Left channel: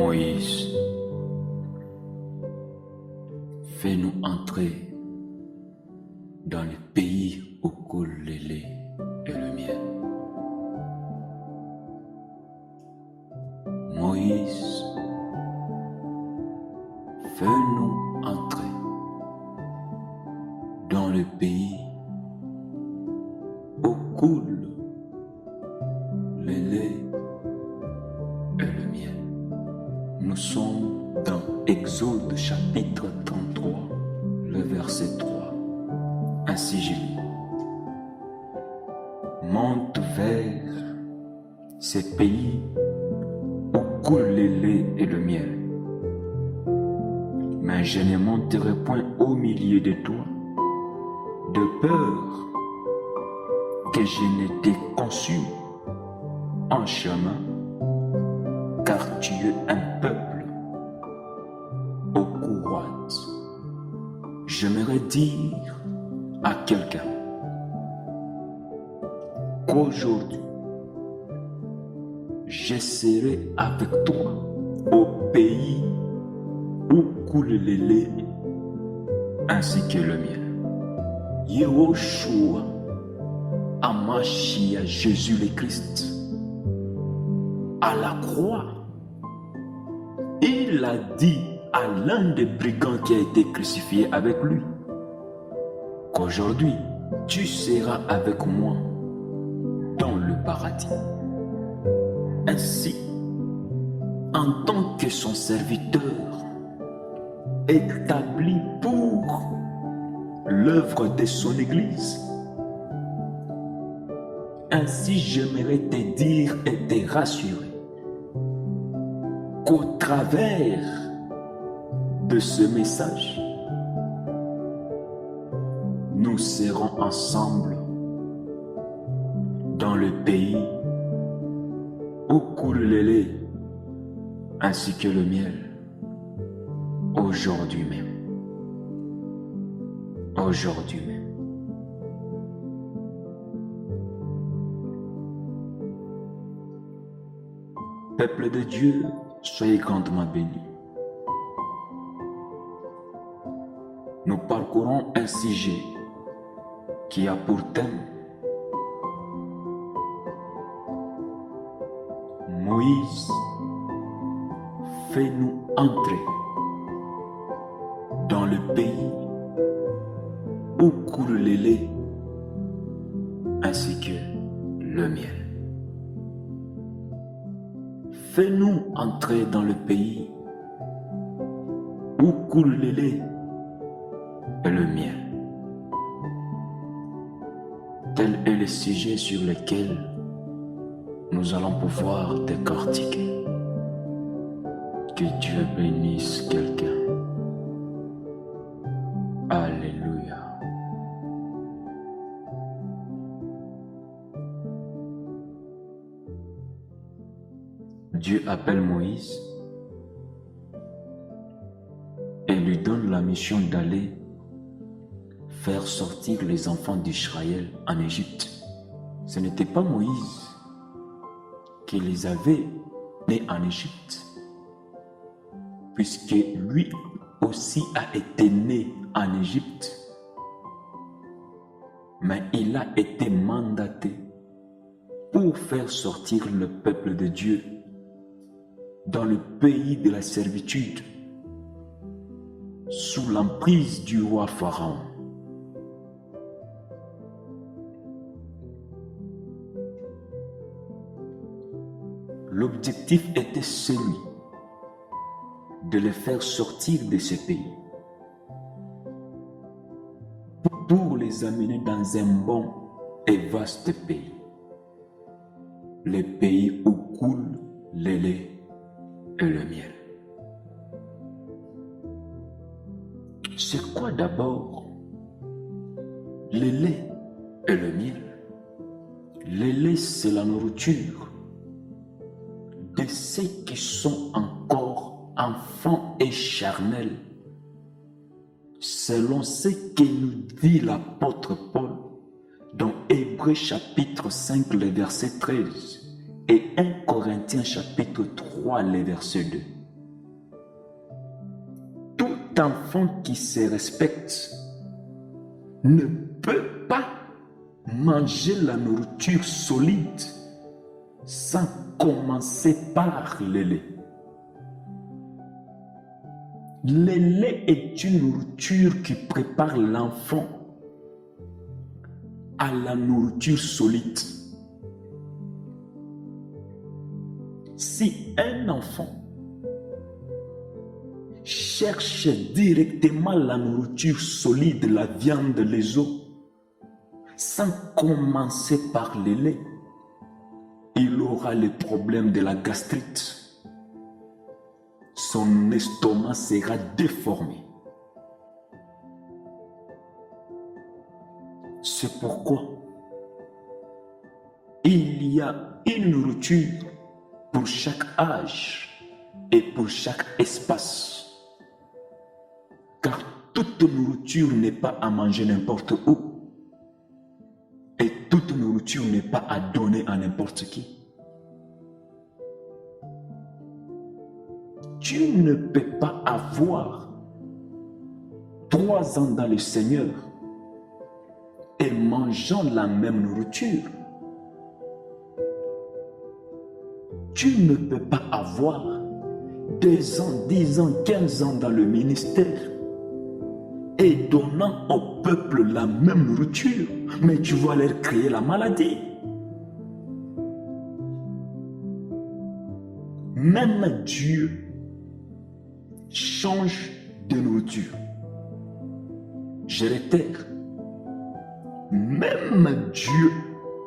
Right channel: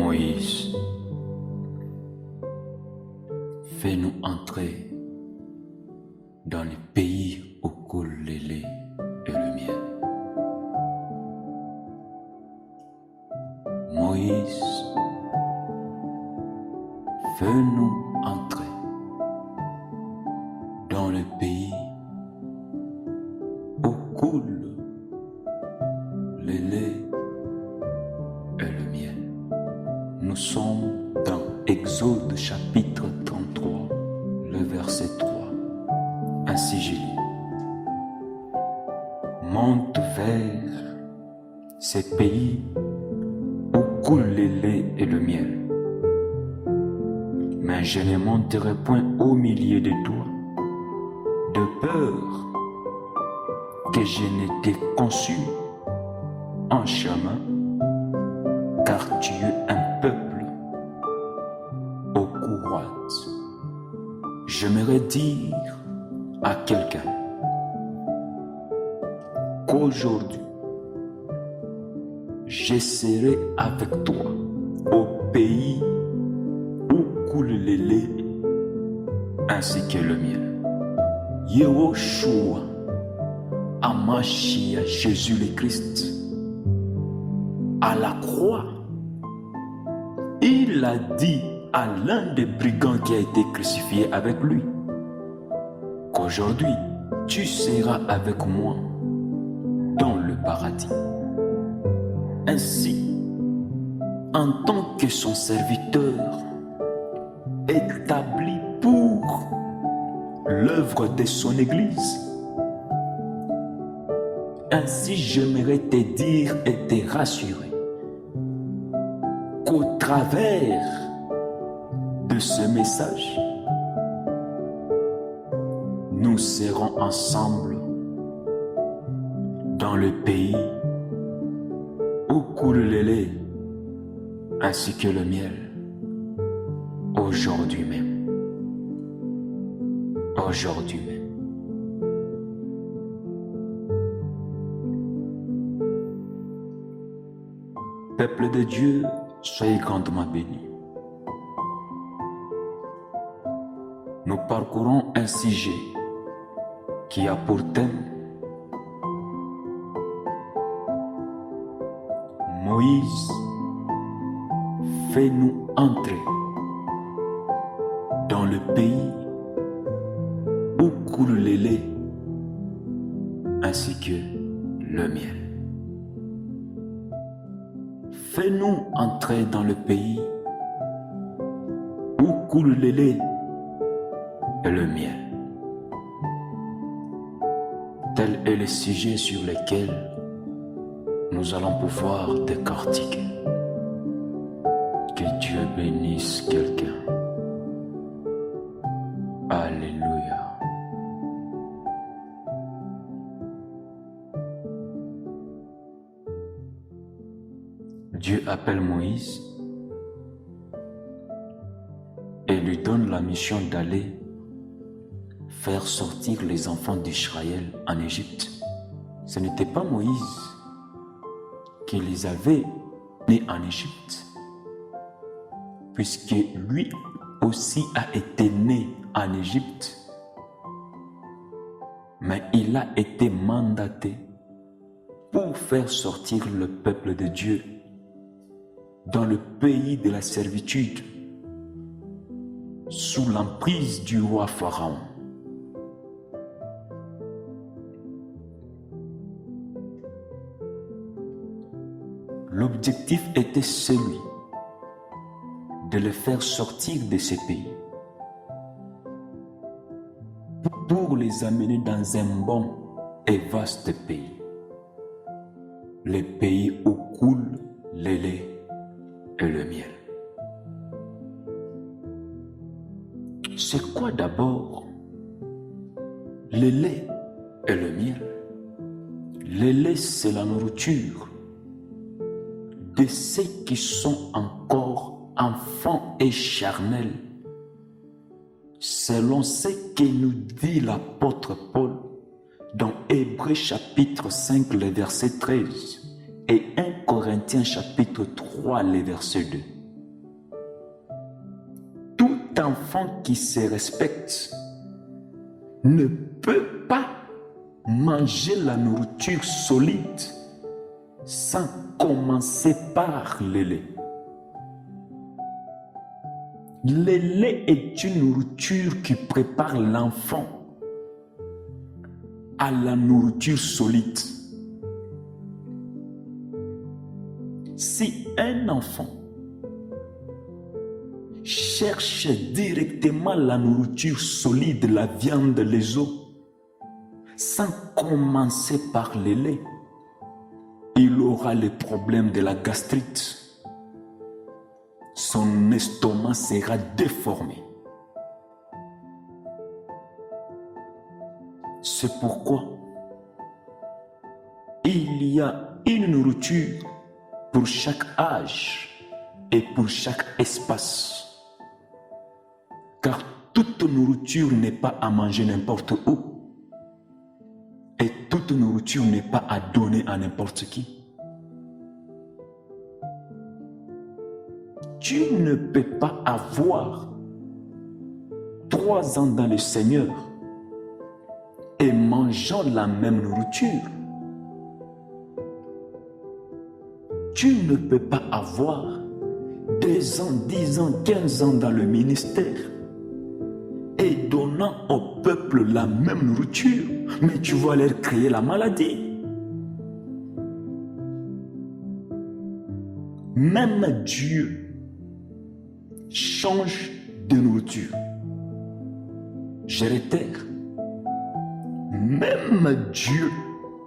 Moïse, fais-nous entrer dans le pays où coule le lait et le miel. Moïse, fais-nous entrer dans le pays où coule le lait et le miel. Nous sommes dans Exode chapitre 33, le verset 3. Ainsi je lis. Monte vers ces pays où coule le lait et le miel. Mais je ne monterai point au milieu de toi, de peur que je ne t'ai conçu en chemin, car tu es un peuple au cou roide. J'aimerais dire à quelqu'un qu'aujourd'hui, je serai avec toi au pays où coule le lait ainsi que le miel. Yehoshua, Amashia, Jésus le Christ, à la croix, il a dit à l'un des brigands qui a été crucifié avec lui qu'aujourd'hui, tu seras avec moi dans le paradis. Ainsi, en tant que son serviteur, établi pour l'œuvre de son Église, ainsi j'aimerais te dire et te rassurer qu'au travers de ce message, nous serons ensemble dans le pays où coule le lait ainsi que le miel, aujourd'hui même. Aujourd'hui même. Peuple de Dieu, soyez grandement bénis. Nous parcourons un sujet qui a pour thème Moïse, fais-nous entrer dans le pays où coule le lait ainsi que le miel. Fais-nous entrer dans le pays où coule le lait et le miel. Tel est le sujet sur lequel nous allons pouvoir décortiquer. Que Dieu bénisse quelqu'un. Alléluia. Dieu appelle Moïse et lui donne la mission d'aller faire sortir les enfants d'Israël en Égypte. Ce n'était pas Moïse qui les avait nés en Égypte, puisque lui aussi a été né en Égypte, mais il a été mandaté pour faire sortir le peuple de Dieu dans le pays de la servitude, sous l'emprise du roi Pharaon. L'objectif était celui de les faire sortir de ce pays pour les amener dans un bon et vaste pays, le pays où coule le lait et le miel. C'est quoi d'abord le lait et le miel? Le lait, c'est la nourriture de ceux qui sont encore enfants et charnels, selon ce que nous dit l'apôtre Paul dans Hébreux chapitre 5, le verset 13 et 1 Corinthiens chapitre 3, le verset 2. enfant qui se respecte ne peut pas manger la nourriture solide sans commencer par le lait. Le lait est une nourriture qui prépare l'enfant à la nourriture solide. Si un enfant cherche directement la nourriture solide, la viande, les os, sans commencer par le lait, il aura les problèmes de la gastrite. Son estomac sera déformé. C'est pourquoi il y a une nourriture pour chaque âge et pour chaque espace. Car toute nourriture n'est pas à manger n'importe où. Et toute nourriture n'est pas à donner à n'importe qui. Tu ne peux pas avoir 3 ans dans le Seigneur et mangeant la même nourriture. Tu ne peux pas avoir 2 ans, 10 ans, 15 ans dans le ministère et donnant au peuple la même nourriture, mais tu vas leur créer la maladie. Même Dieu change de nourriture. Je réitère, même Dieu,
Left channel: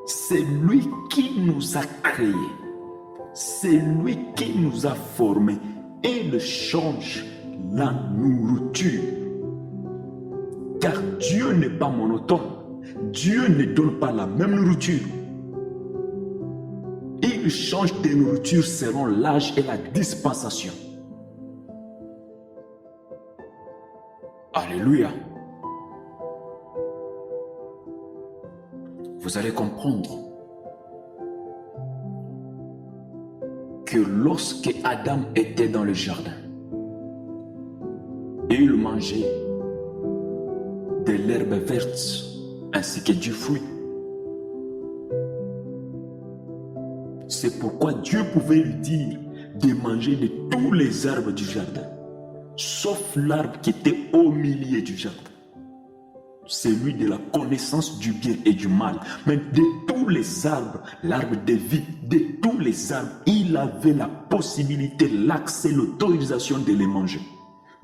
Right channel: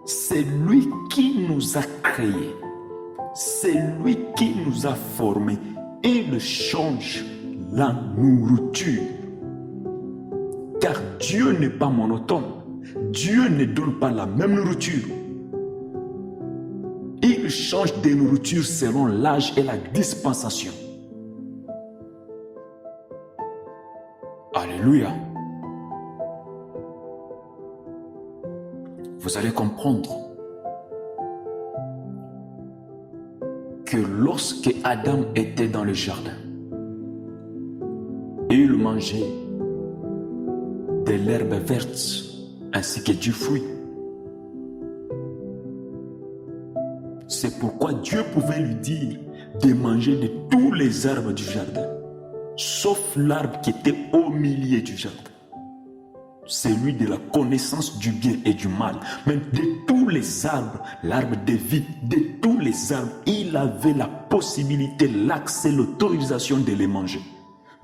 c'est lui qui nous a créés, c'est lui qui nous a formés. Il change la nourriture. Car Dieu n'est pas monotone. Dieu ne donne pas la même nourriture. Il change de nourriture selon l'âge et la dispensation. Alléluia. Vous allez comprendre que lorsque Adam était dans le jardin, il mangeait de l'herbe verte ainsi que du fruit. C'est pourquoi Dieu pouvait lui dire de manger de tous les arbres du jardin, sauf l'arbre qui était au milieu du jardin, celui de la connaissance du bien et du mal. Mais de tous les arbres, l'arbre de vie, de tous les arbres, il avait la possibilité, l'accès, l'autorisation de les manger.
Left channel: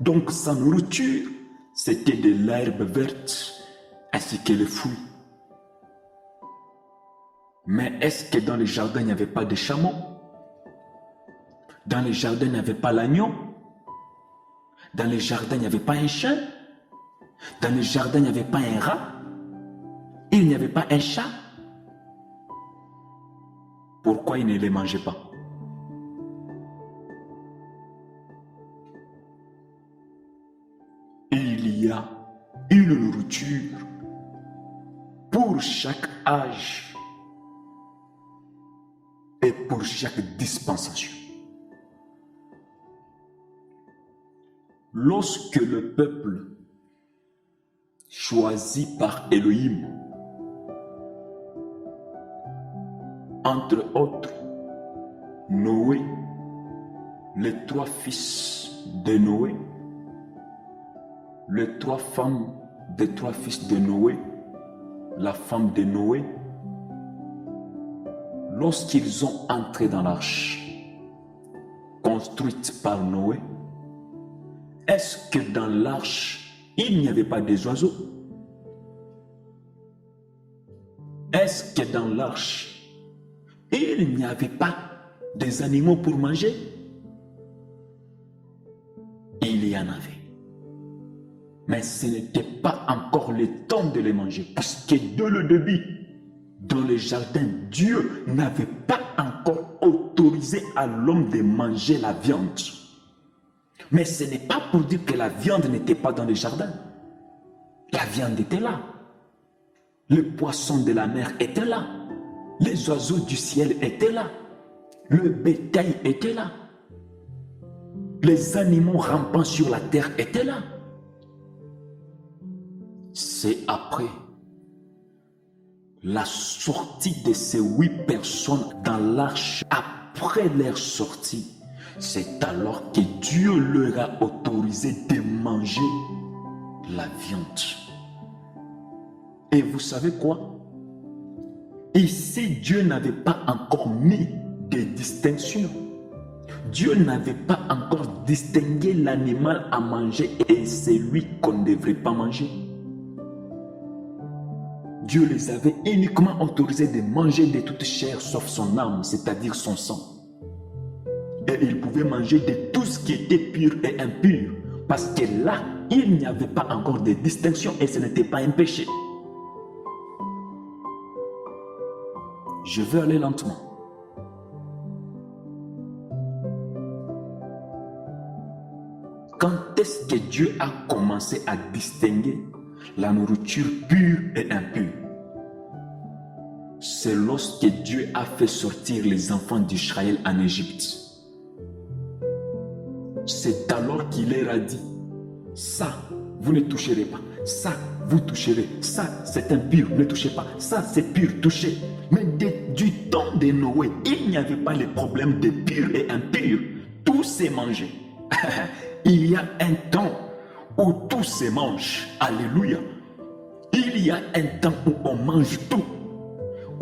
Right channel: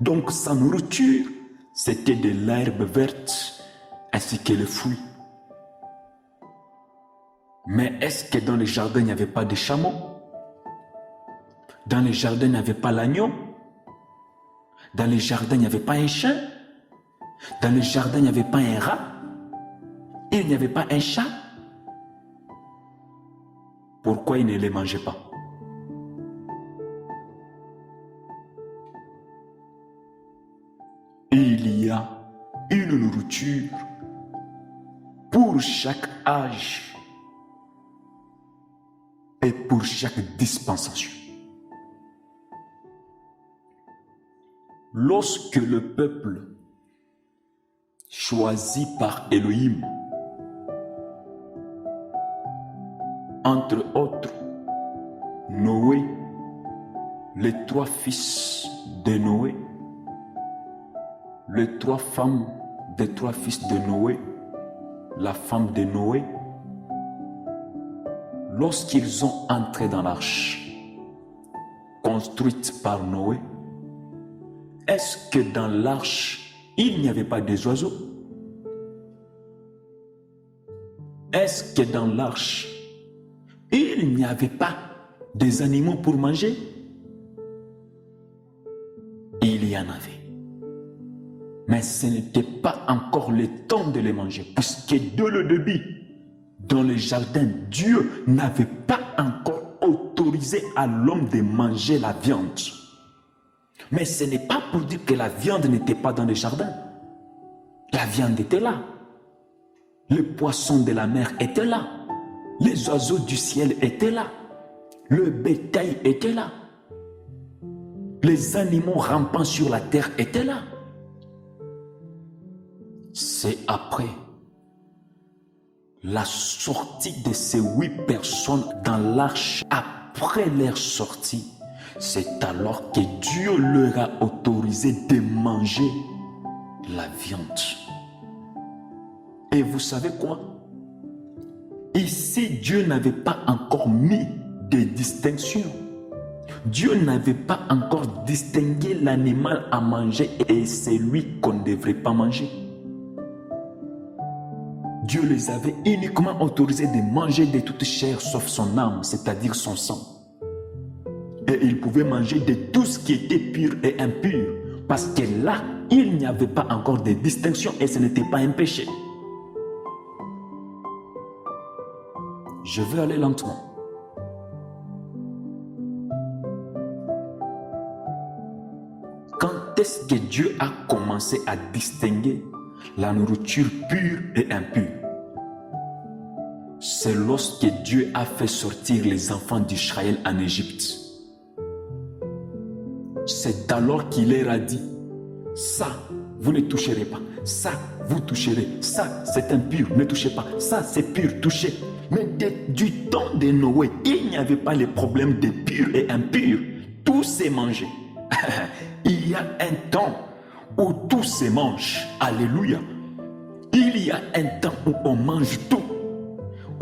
Donc sa nourriture, c'était de l'herbe verte ainsi que les fruits. Mais est-ce que dans le jardin, il n'y avait pas de chameaux? Dans le jardin, il n'y avait pas l'agneau? Dans le jardin, il n'y avait pas un chien? Dans le jardin, il n'y avait pas un rat? Il n'y avait pas un chat? Pourquoi il ne les mangeait pas? Il y a une nourriture pour chaque âge et pour chaque dispensation. Lorsque le peuple choisi par Elohim, entre autres Noé, les 3 fils de Noé, les 3 femmes des 3 fils de Noé, la femme de Noé, lorsqu'ils ont entré dans l'arche construite par Noé, est-ce que dans l'arche, il n'y avait pas des oiseaux? Est-ce que dans l'arche, il n'y avait pas des animaux pour manger? Il y en avait. Mais ce n'était pas encore le temps de les manger, puisque dès le début, dans le jardin, Dieu n'avait pas encore autorisé à l'homme de manger la viande. Mais ce n'est pas pour dire que la viande n'était pas dans le jardin. La viande était là. Le poisson de la mer était là. Les oiseaux du ciel étaient là. Le bétail était là. Les animaux rampant sur la terre étaient là. c'est après la sortie de ces 8 personnes dans l'arche, après leur sortie, c'est alors que Dieu leur a autorisé de manger la viande. Et vous savez quoi? Ici, Dieu n'avait pas encore mis de distinction. Dieu n'avait pas encore distingué l'animal à manger et celui qu'on ne devrait pas manger. Dieu les avait uniquement autorisés de manger de toute chair sauf son âme, c'est-à-dire son sang. Et ils pouvaient manger de tout ce qui était pur et impur, parce que là, il n'y avait pas encore de distinction et ce n'était pas un péché. Je vais aller lentement. Quand est-ce que Dieu a commencé à distinguer la nourriture pure et impure? C'est lorsque Dieu a fait sortir les enfants d'Israël en Égypte. C'est alors qu'il leur a dit, ça, vous ne toucherez pas. Ça, vous toucherez. Ça, c'est impur, ne touchez pas. Ça, c'est pur, touchez. Mais du temps de Noé, il n'y avait pas les problèmes de pur et impur. Tout s'est mangé. Il y a un temps où tout se mange. Alléluia. Il y a un temps où on mange tout.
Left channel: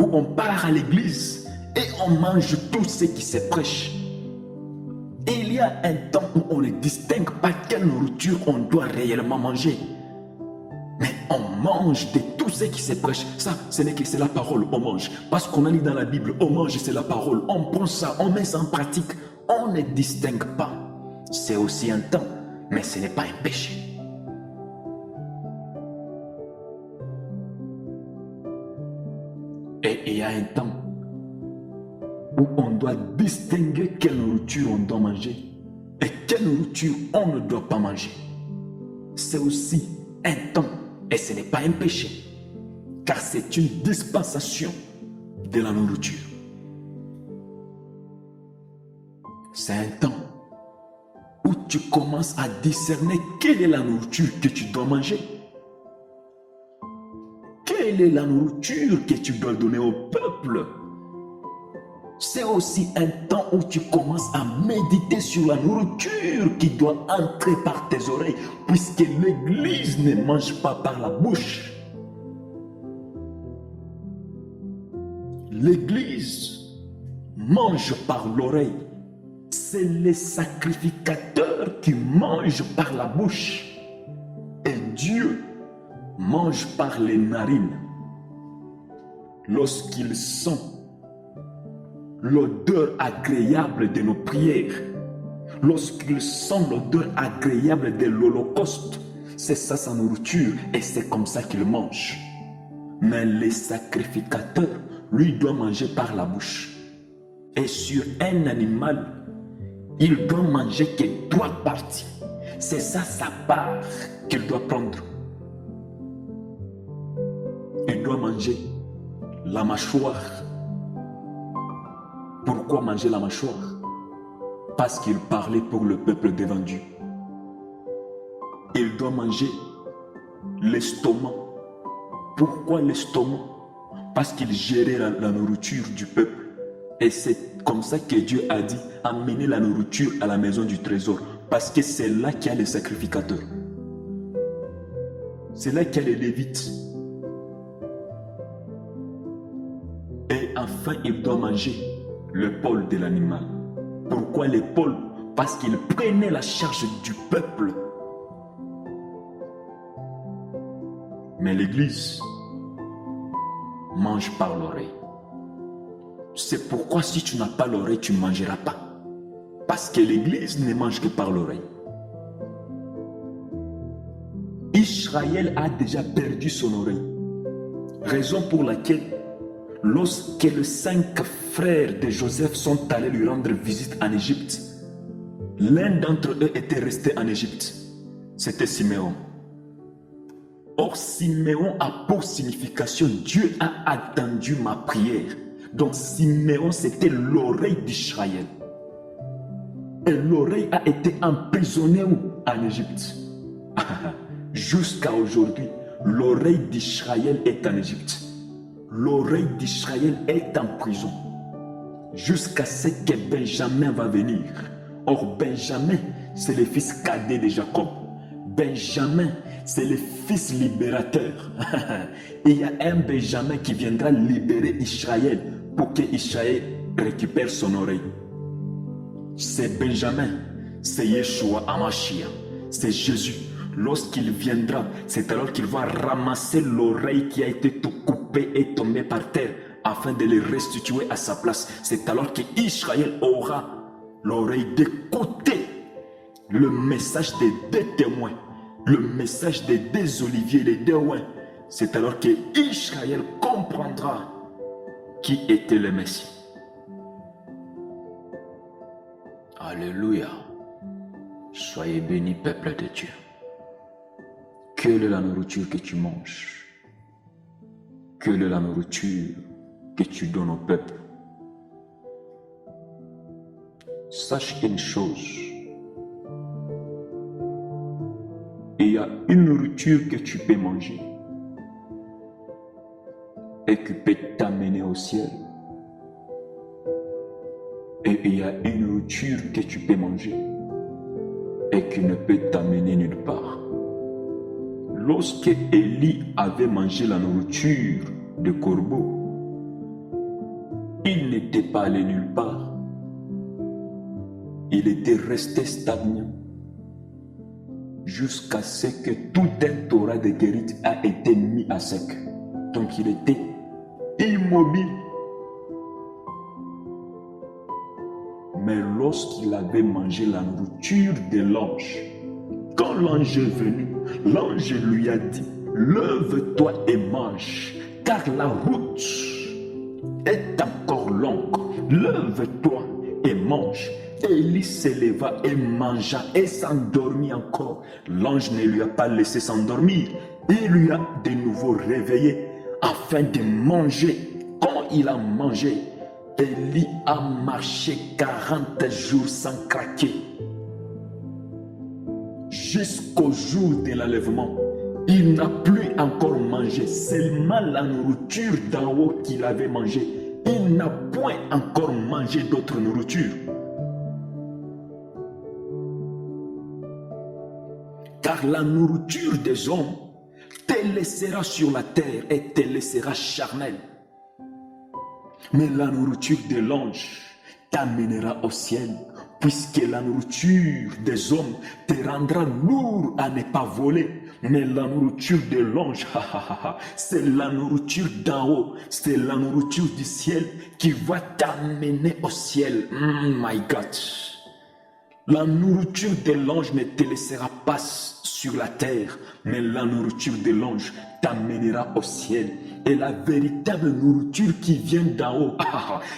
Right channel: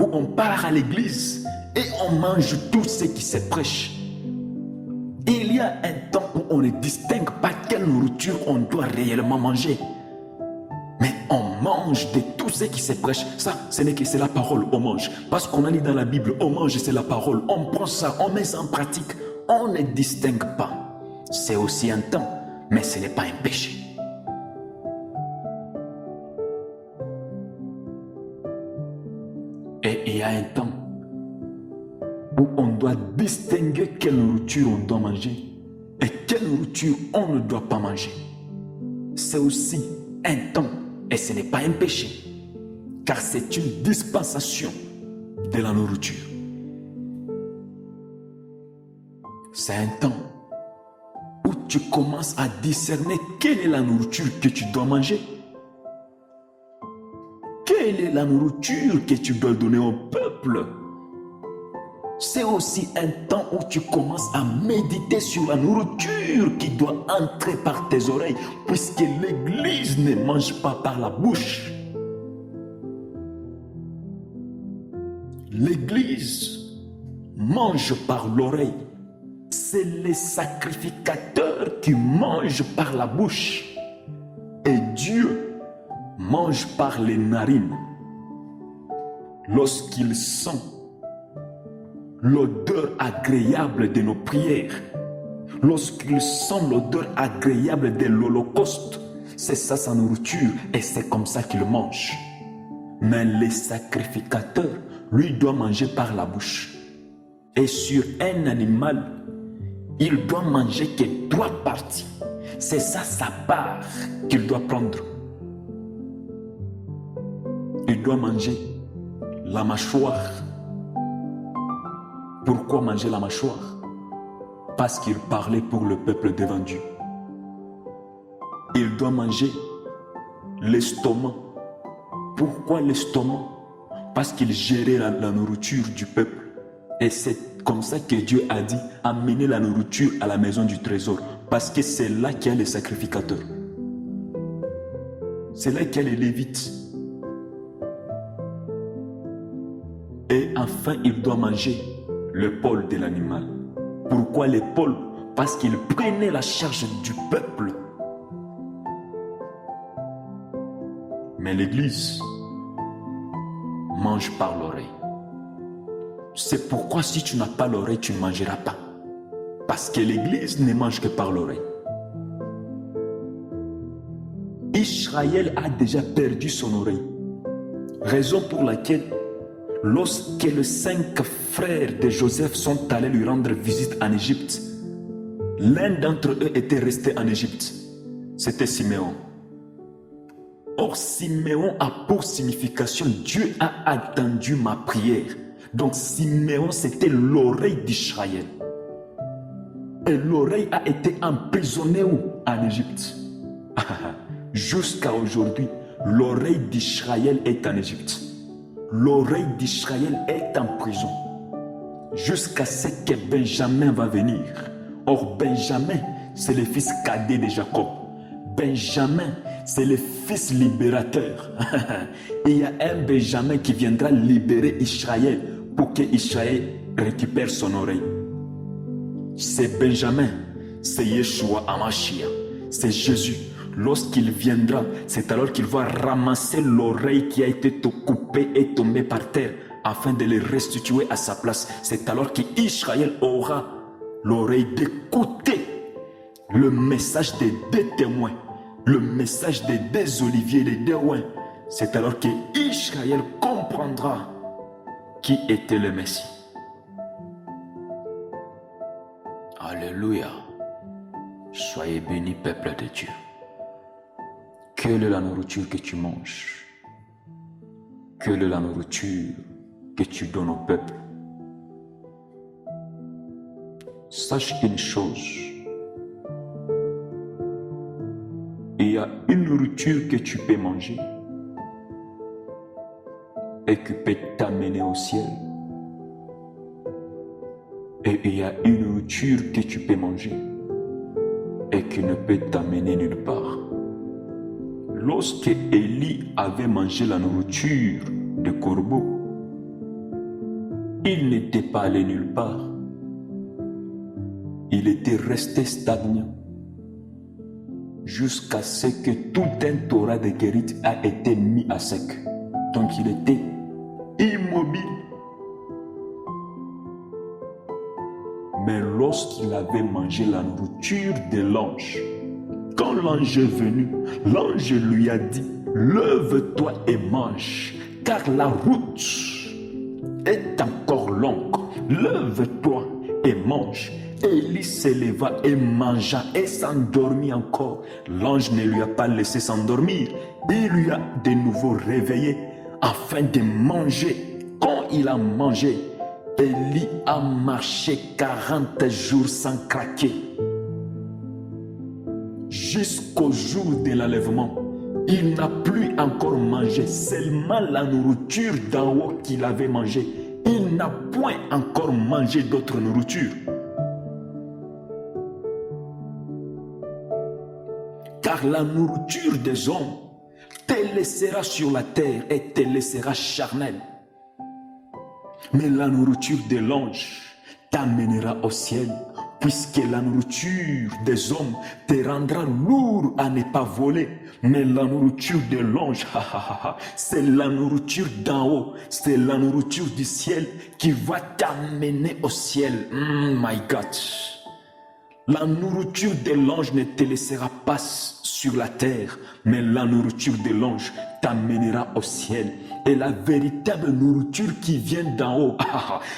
Où on part à l'église et on mange tout ce qui se prêche. Il y a un temps où on ne distingue pas quelle nourriture on doit réellement manger. Mais on mange de tout ce qui se prêche. Ça, ce n'est que c'est la parole, on mange. Parce qu'on a lu dans la Bible, on mange, c'est la parole. On prend ça, on met ça en pratique. On ne distingue pas. C'est aussi un temps, mais ce n'est pas un péché. Et il y a un temps où on doit distinguer quelle nourriture on doit manger et quelle nourriture on ne doit pas manger. C'est aussi un temps et ce n'est pas un péché, car c'est une dispensation de la nourriture. C'est un temps où tu commences à discerner quelle est la nourriture que tu dois manger. Quelle est la nourriture que tu dois donner au peuple? C'est aussi un temps où tu commences à méditer sur la nourriture qui doit entrer par tes oreilles, puisque l'Église ne mange pas par la bouche. L'Église mange par l'oreille. C'est les sacrificateurs qui mangent par la bouche. Et Dieu mange par les narines. Lorsqu'il sent l'odeur agréable de nos prières, lorsqu'il sent l'odeur agréable de l'Holocauste, c'est ça sa nourriture et c'est comme ça qu'il mange. Mais les sacrificateurs, lui, doit manger par la bouche. Et sur un animal, il doit manger que 3 parties. C'est ça sa part qu'il doit prendre. Il doit manger la mâchoire. Pourquoi manger la mâchoire? Parce qu'il parlait pour le peuple devant Dieu. Il doit manger l'estomac. Pourquoi l'estomac? Parce qu'il gérait la nourriture du peuple. Et c'est comme ça que Dieu a dit, amenez la nourriture à la maison du trésor. Parce que c'est là qu'il y a les sacrificateurs. C'est là qu'il y a les Lévites. Et enfin, il doit manger l'épaule de l'animal. Pourquoi l'épaule? Parce qu'il prenait la charge du peuple. Mais l'Église mange par l'oreille. C'est pourquoi si tu n'as pas l'oreille, tu ne mangeras pas. Parce que l'Église ne mange que par l'oreille. Israël a déjà perdu son oreille. Raison pour laquelle, lorsque les 5 frères de Joseph sont allés lui rendre visite en Égypte, l'un d'entre eux était resté en Égypte. C'était Siméon. Or, Siméon a pour signification, Dieu a attendu ma prière. Donc, Siméon, c'était l'oreille d'Israël. Et l'oreille a été emprisonnée où? En Égypte. Jusqu'à aujourd'hui, l'oreille d'Israël est en Égypte. L'oreille d'Israël est en prison. Jusqu'à ce que Benjamin va venir. Or, Benjamin, c'est le fils cadet de Jacob. Benjamin, c'est le fils libérateur. Il y a un Benjamin qui viendra libérer Israël pour que Israël récupère son oreille. C'est Benjamin, c'est Yeshua Hamashiach, c'est Jésus. Lorsqu'il viendra, c'est alors qu'il va ramasser l'oreille qui a été coupée et tombée par terre afin de le restituer à sa place. C'est alors qu'Israël aura l'oreille d'écouter le message des deux témoins, le message des deux oliviers, les deux oins. C'est alors qu'Israël comprendra qui était le Messie. Alléluia. Soyez bénis, peuple de Dieu. Quelle est la nourriture que tu manges? Quelle est la nourriture que tu donnes au peuple? Sache une chose. Il y a une nourriture que tu peux manger et qui peut t'amener au ciel. Et il y a une nourriture que tu peux manger et qui ne peut t'amener nulle part. Lorsque Élie avait mangé la nourriture de corbeau, il n'était pas allé nulle part. Il était resté stagnant jusqu'à ce que tout un Torah de guérite a été mis à sec. Donc il était immobile. Mais lorsqu'il avait mangé la nourriture de l'ange, quand l'ange est venu, l'ange lui a dit, lève-toi et mange, car la route est encore longue. Lève-toi et mange. Élie se leva et mangea et s'endormit encore. L'ange ne lui a pas laissé s'endormir. Il lui a de nouveau réveillé afin de manger. Quand il a mangé, Élie a marché 40 jours sans craquer. Jusqu'au jour de l'enlèvement, il n'a plus encore mangé, seulement la nourriture d'en haut qu'il avait mangé. Il n'a point encore mangé d'autre nourriture. Car la nourriture des hommes te laissera sur la terre et te laissera charnel. Mais la nourriture de l'ange t'amènera au ciel, puisque la nourriture des hommes te rendra lourd à ne pas voler. Mais la nourriture de l'ange, c'est la nourriture d'en haut, c'est la nourriture du ciel qui va t'amener au ciel. My God! La nourriture de l'ange ne te laissera pas sur la terre, mais la nourriture de l'ange t'amènera au ciel. Et la véritable nourriture qui vient d'en haut,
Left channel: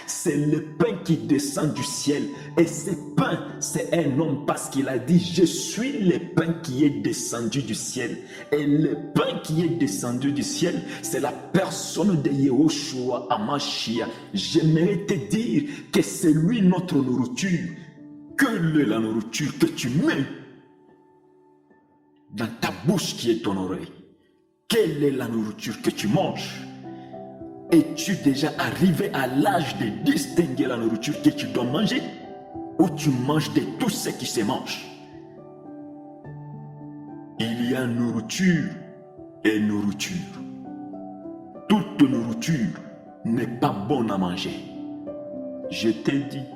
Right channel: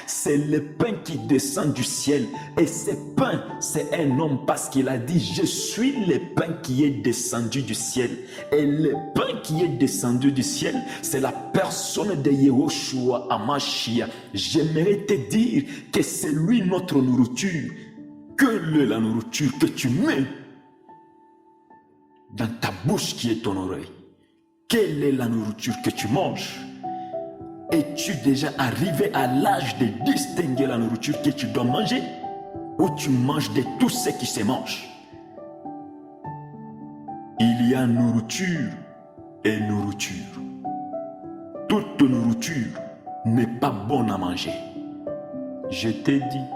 c'est le pain qui descend du ciel. Et ce pain, c'est un homme parce qu'il a dit, je suis le pain qui est descendu du ciel. Et le pain qui est descendu du ciel, c'est la personne de Yeshua Hamashiach. J'aimerais te dire que c'est lui notre nourriture. Quelle est la nourriture que tu mets dans ta bouche qui est ton oreille? Quelle est la nourriture que tu manges? Es-tu déjà arrivé à l'âge de distinguer la nourriture que tu dois manger? Ou tu manges de tout ce qui se mange? Il y a nourriture et nourriture. Toute nourriture n'est pas bonne à manger. Je t'ai dit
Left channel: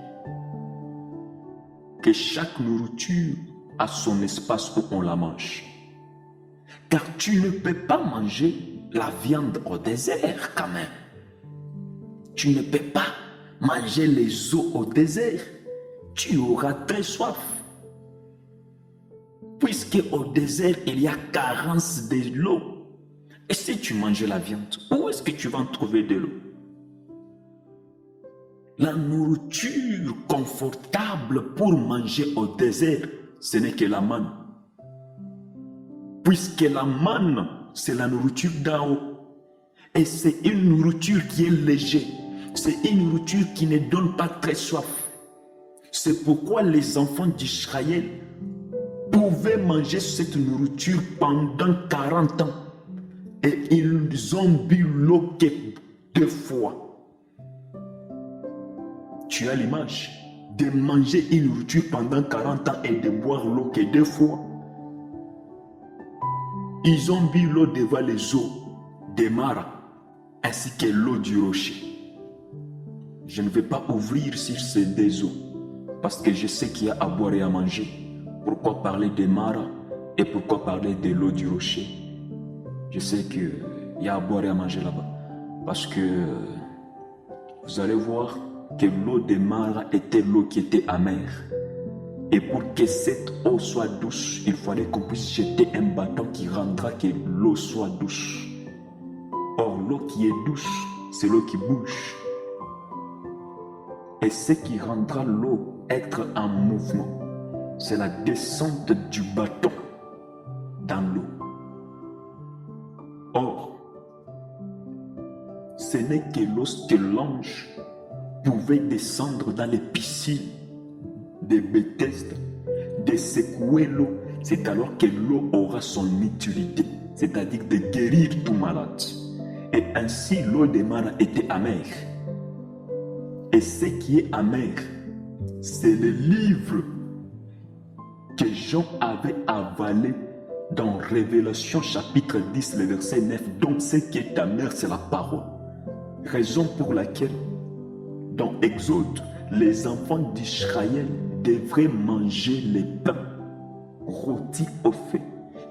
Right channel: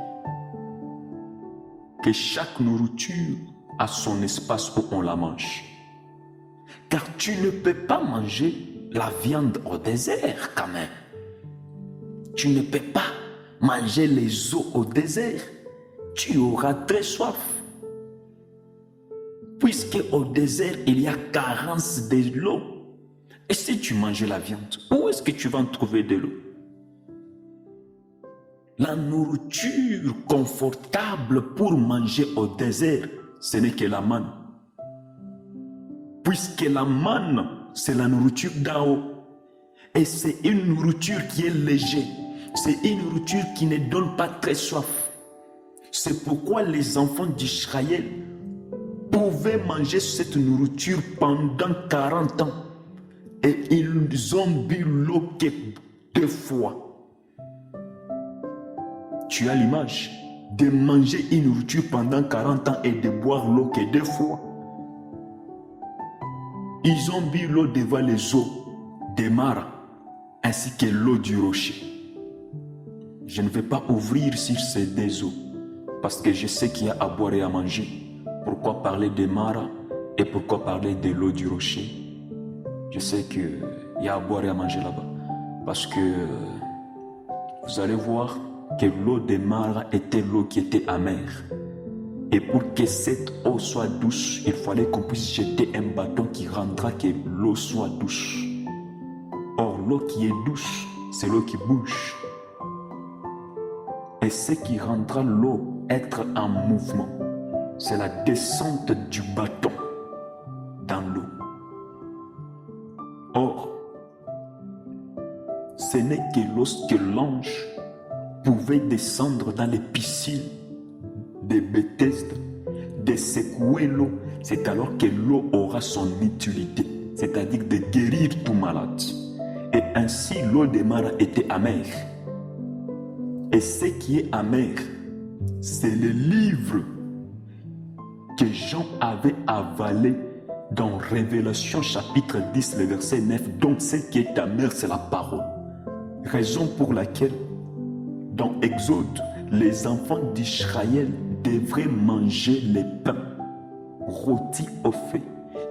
que chaque nourriture a son espace où on la mange. Car tu ne peux pas manger la viande au désert quand même. Tu ne peux pas manger les eaux au désert. Tu auras très soif. Puisque au désert, il y a carence de l'eau. Et si tu manges la viande, où est-ce que tu vas en trouver de l'eau? La nourriture confortable pour manger au désert, ce n'est que la manne. Puisque la manne, c'est la nourriture d'en haut. Et c'est une nourriture qui est légère. C'est une nourriture qui ne donne pas très soif. C'est pourquoi les enfants d'Israël pouvaient manger cette nourriture pendant 40 ans. Et ils ont bu l'eau que 2 fois. Tu as l'image de manger une nourriture pendant 40 ans et de boire l'eau que 2 fois. Ils ont bu l'eau devant les eaux des maras ainsi que l'eau du rocher. Je ne vais pas ouvrir sur ces 2 eaux parce que je sais qu'il y a à boire et à manger. Pourquoi parler des maras et pourquoi parler de l'eau du rocher? Je sais qu'il y a à boire et à manger là-bas parce que vous allez voir que l'eau des maras était l'eau qui était amère. Et pour que cette eau soit douce, il fallait qu'on puisse jeter un bâton qui rendra que l'eau soit douce. Or, l'eau qui est douce, c'est l'eau qui bouge. Et ce qui rendra l'eau être en mouvement, c'est la descente du bâton dans l'eau. Or, ce n'est que lorsque l'ange pouvait descendre dans les piscines de Bethesda, de secouer l'eau, c'est alors que l'eau aura son utilité, c'est-à-dire de guérir tout malade. Et ainsi, l'eau des maras était amère. Et ce qui est amer, c'est le livre que Jean avait avalé dans Révélation chapitre 10, le verset 9. Donc ce qui est amer, c'est la parole. Raison pour laquelle, dans Exode, les enfants d'Israël devraient manger les pains rôtis au feu,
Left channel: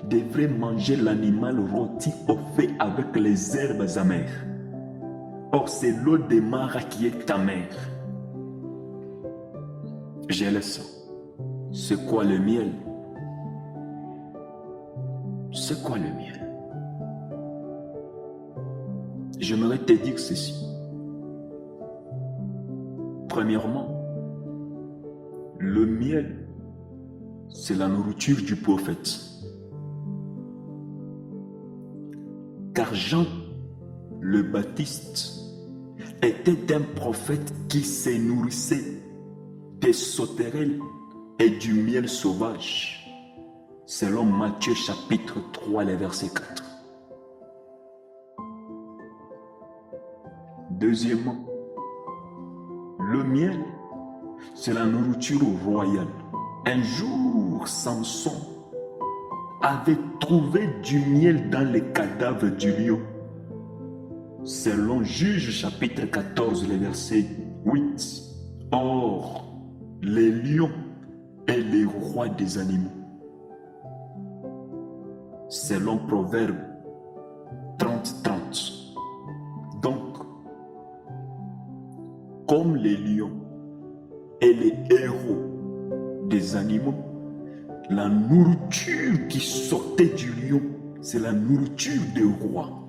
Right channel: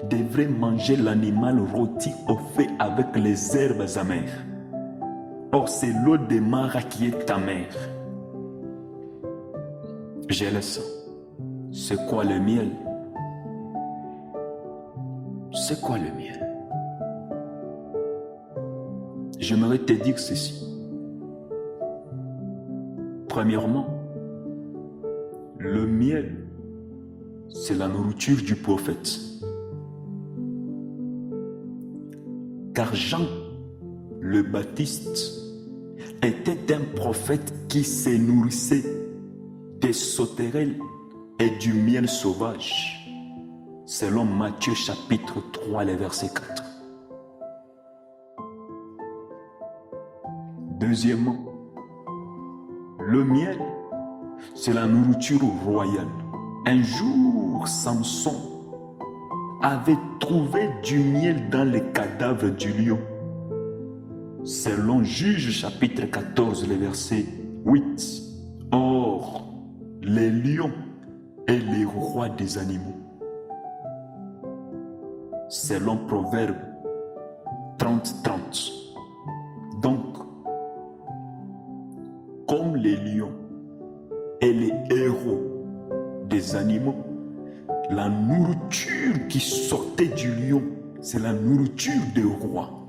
devraient manger l'animal rôti au feu avec les herbes amères. Or, c'est l'eau des maras qui est amère. Je le sens. C'est quoi le miel? C'est quoi le miel? J'aimerais te dire ceci. Premièrement, le miel, c'est la nourriture du prophète. Car Jean le Baptiste était un prophète qui se nourrissait des sauterelles et du miel sauvage, selon Matthieu chapitre 3, le verset 4. Deuxièmement, le miel, c'est la nourriture royale. Un jour, Samson avait trouvé du miel dans les cadavres du lion. Selon Juge chapitre 14, le verset 8. Or, les lions et les rois des animaux. Selon Proverbe 30-30. Donc, comme les lions et les héros des animaux, la nourriture qui sortait du lion, c'est la nourriture des rois.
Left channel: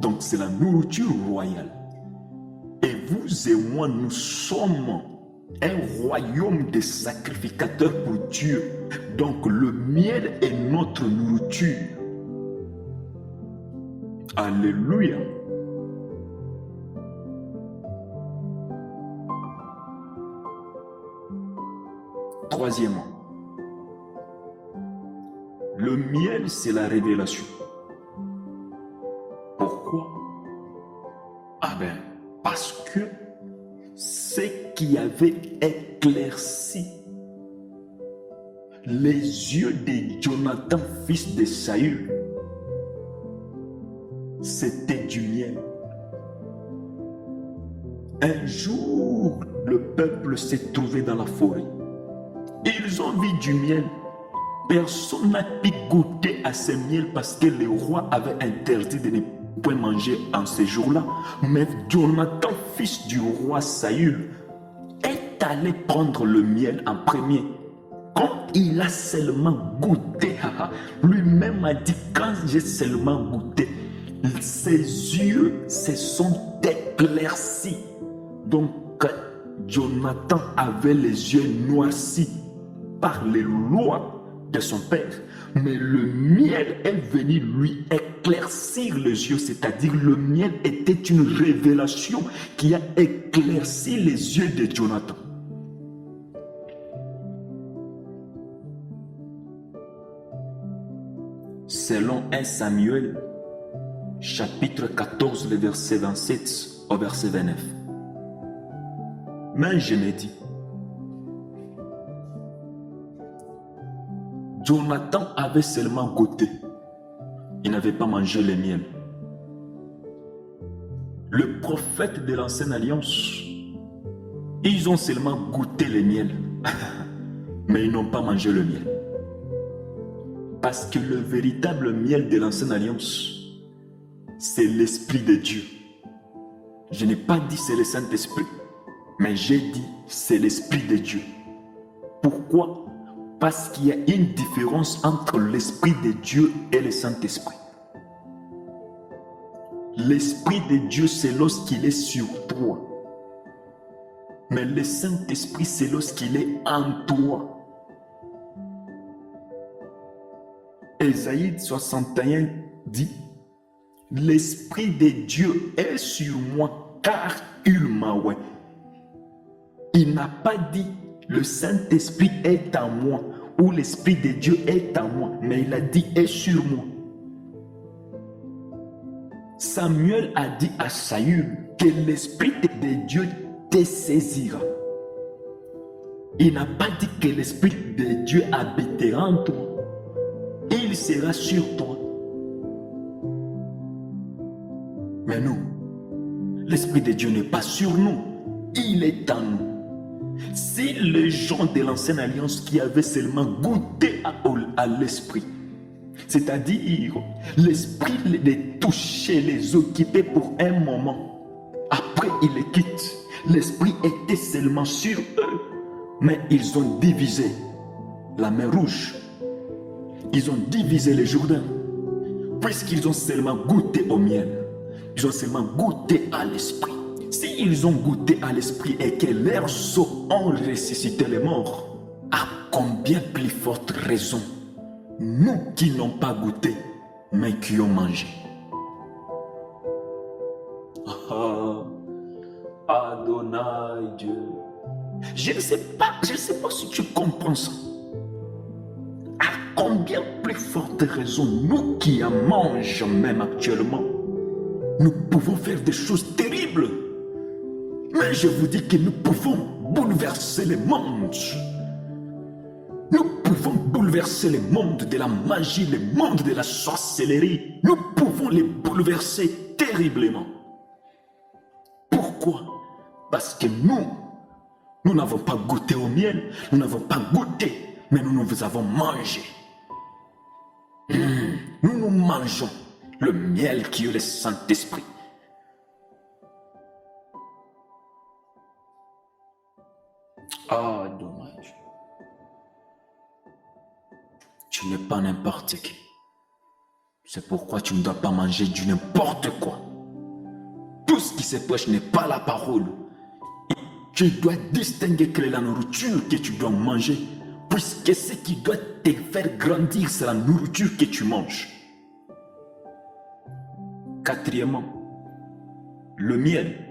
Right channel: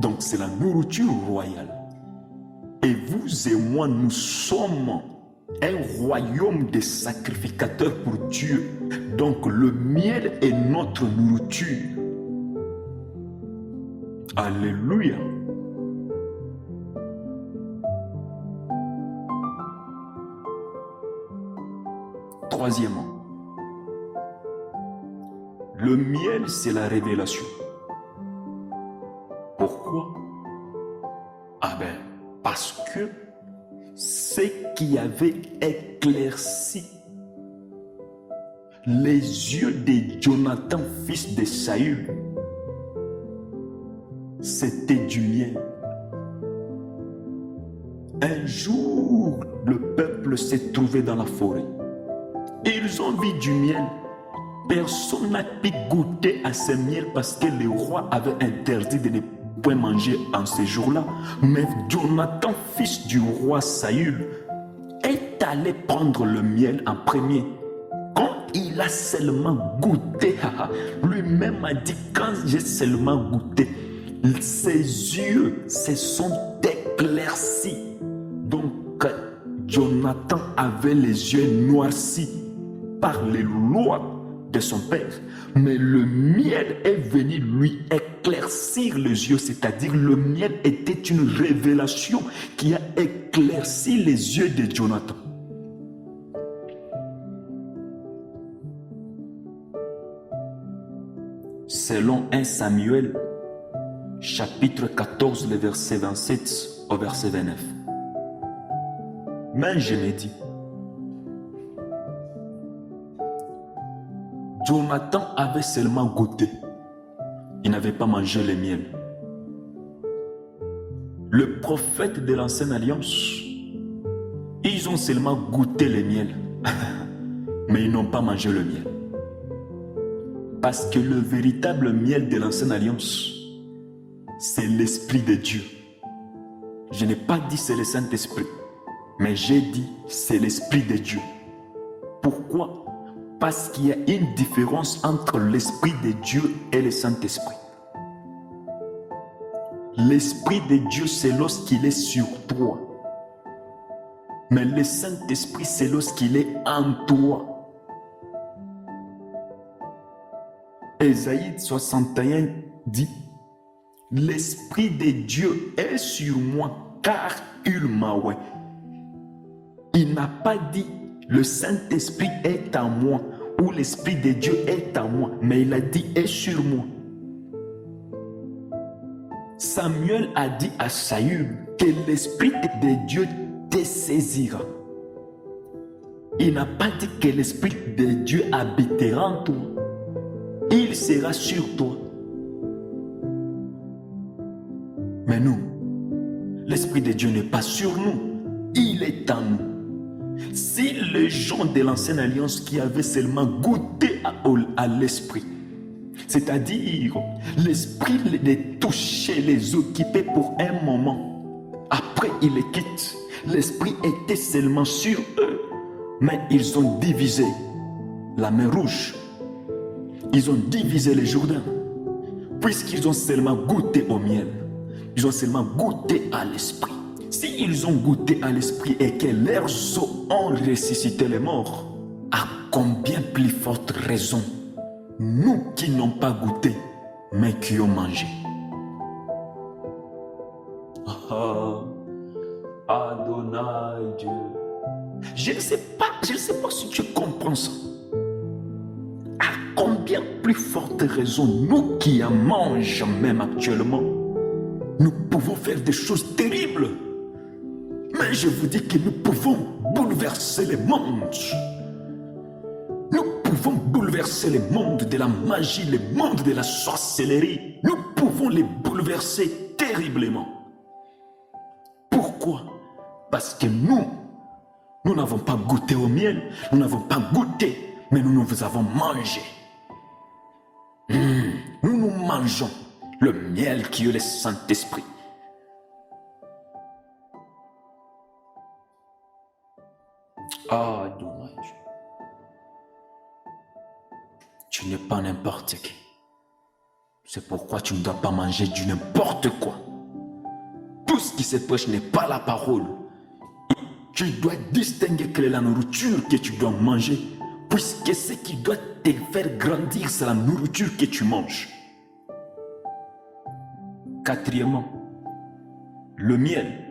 Donc c'est la nourriture royale. Et vous et moi, nous sommes un royaume de sacrificateurs pour Dieu. Donc le miel est notre nourriture. Alléluia. Troisièmement, le miel, c'est la révélation. Pourquoi? Ah ben, parce que ce qui avait éclairci les yeux de Jonathan, fils de Saül, c'était du miel. Un jour, le peuple s'est trouvé dans la forêt. Ils ont vu du miel. Personne n'a pu goûter à ce miel parce que le roi avait interdit de ne point manger en ces jours-là. Mais Jonathan, fils du roi Saül, est allé prendre le miel en premier. Quand il a seulement goûté, lui-même a dit, quand j'ai seulement goûté, ses yeux se sont éclaircis. Donc, Jonathan avait les yeux noircis par les lois de son père, mais le miel est venu lui éclaircir les yeux, c'est-à-dire le miel était une révélation qui a éclairci les yeux de Jonathan. Selon 1 Samuel, chapitre 14, le verset 27 au verset 29. Mais je me dis, Jonathan avait seulement goûté. Il n'avait pas mangé le miel. Le prophète de l'ancienne alliance, ils ont seulement goûté le miel, mais ils n'ont pas mangé le miel. Parce que le véritable miel de l'ancienne alliance, c'est l'Esprit de Dieu. Je n'ai pas dit c'est le Saint-Esprit, mais j'ai dit c'est l'Esprit de Dieu. Pourquoi? Parce qu'il y a une différence entre l'Esprit de Dieu et le Saint-Esprit. L'Esprit de Dieu, c'est lorsqu'il est sur toi. Mais le Saint-Esprit, c'est lorsqu'il est en toi. Ésaïe 61 dit, « L'Esprit de Dieu est sur moi, car il m'a oint. » Il n'a pas dit, « Le Saint-Esprit est en moi » ou « L'Esprit de Dieu est en moi », mais il a dit « est sur moi ». Samuel a dit à Saül que l'Esprit de Dieu te saisira. Il n'a pas dit que l'Esprit de Dieu habitera en toi. Il sera sur toi. Mais nous, l'Esprit de Dieu n'est pas sur nous. Il est en nous. Si les gens de l'ancienne alliance qui avaient seulement goûté à l'Esprit, c'est-à-dire l'Esprit les touchait, les occupait pour un moment, après ils les quittent, l'Esprit était seulement sur eux, mais ils ont divisé la mer Rouge, ils ont divisé le Jourdain, puisqu'ils ont seulement goûté au miel, ils ont seulement goûté à l'Esprit. S'ils ont goûté à l'Esprit et que leurs os ont ressuscité les morts, à combien plus forte raison nous qui n'ont pas goûté, mais qui ont mangé. Adonai Dieu. Je ne sais pas si tu comprends ça. À combien plus forte raison nous qui en mangeons même actuellement, nous pouvons faire des choses terribles. Mais je vous dis que nous pouvons bouleverser les mondes. Nous pouvons bouleverser le monde de la magie, le monde de la sorcellerie. Nous pouvons les bouleverser terriblement. Pourquoi? Parce que nous n'avons pas goûté au miel, nous n'avons pas goûté, mais nous avons mangé. Nous mangeons le miel qui est le Saint-Esprit. Ah, dommage. Tu n'es pas n'importe qui. C'est pourquoi tu ne dois pas manger du n'importe quoi. Tout ce qui se prêche n'est pas la parole. Tu dois distinguer quelle est la nourriture que tu dois manger, puisque ce qui doit te faire grandir, c'est la nourriture que tu manges. Quatrièmement, le miel,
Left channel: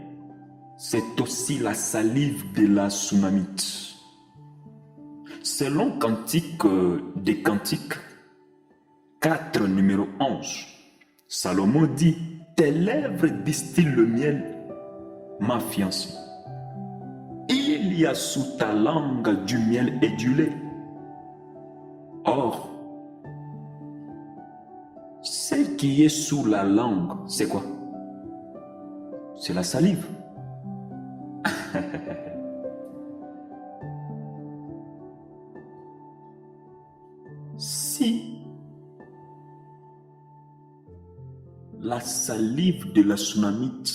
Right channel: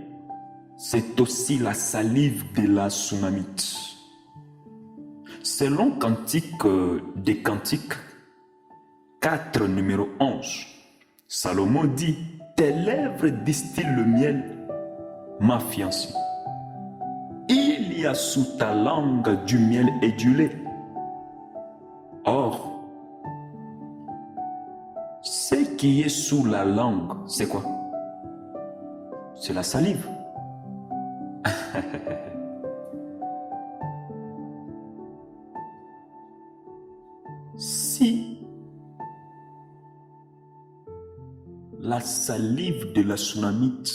c'est aussi la salive de la Sunamite. Selon Cantique des Cantiques 4, numéro 11, Salomon dit, « Tes lèvres distillent le miel, ma fiancée. Il y a sous ta langue du miel et du lait. Or, ce qui est sous la langue, c'est quoi? C'est la salive. » Si la salive de la Sunamite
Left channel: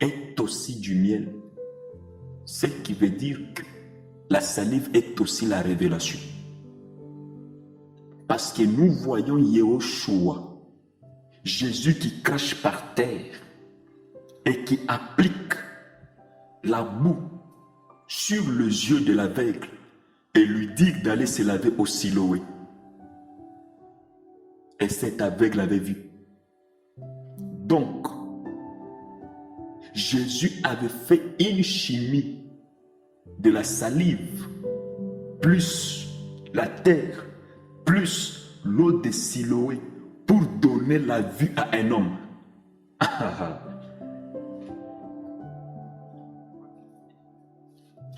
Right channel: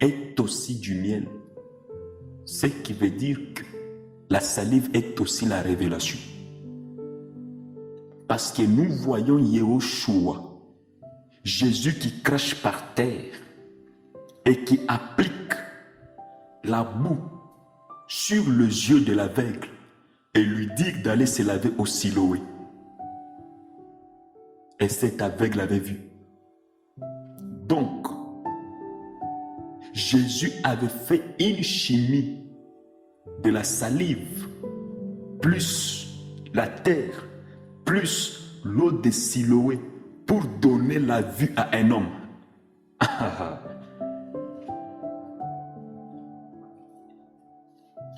est aussi du miel, ce qui veut dire que la salive est aussi la révélation. Parce que nous voyons Yehoshua, Jésus qui crache par terre et qui applique la boue sur les yeux de l'aveugle et lui dit d'aller se laver au Siloé. Et cet aveugle avait vu. Donc, Jésus avait fait une chimie de la salive, plus la terre, plus l'eau de Siloé pour donner la vue à un homme.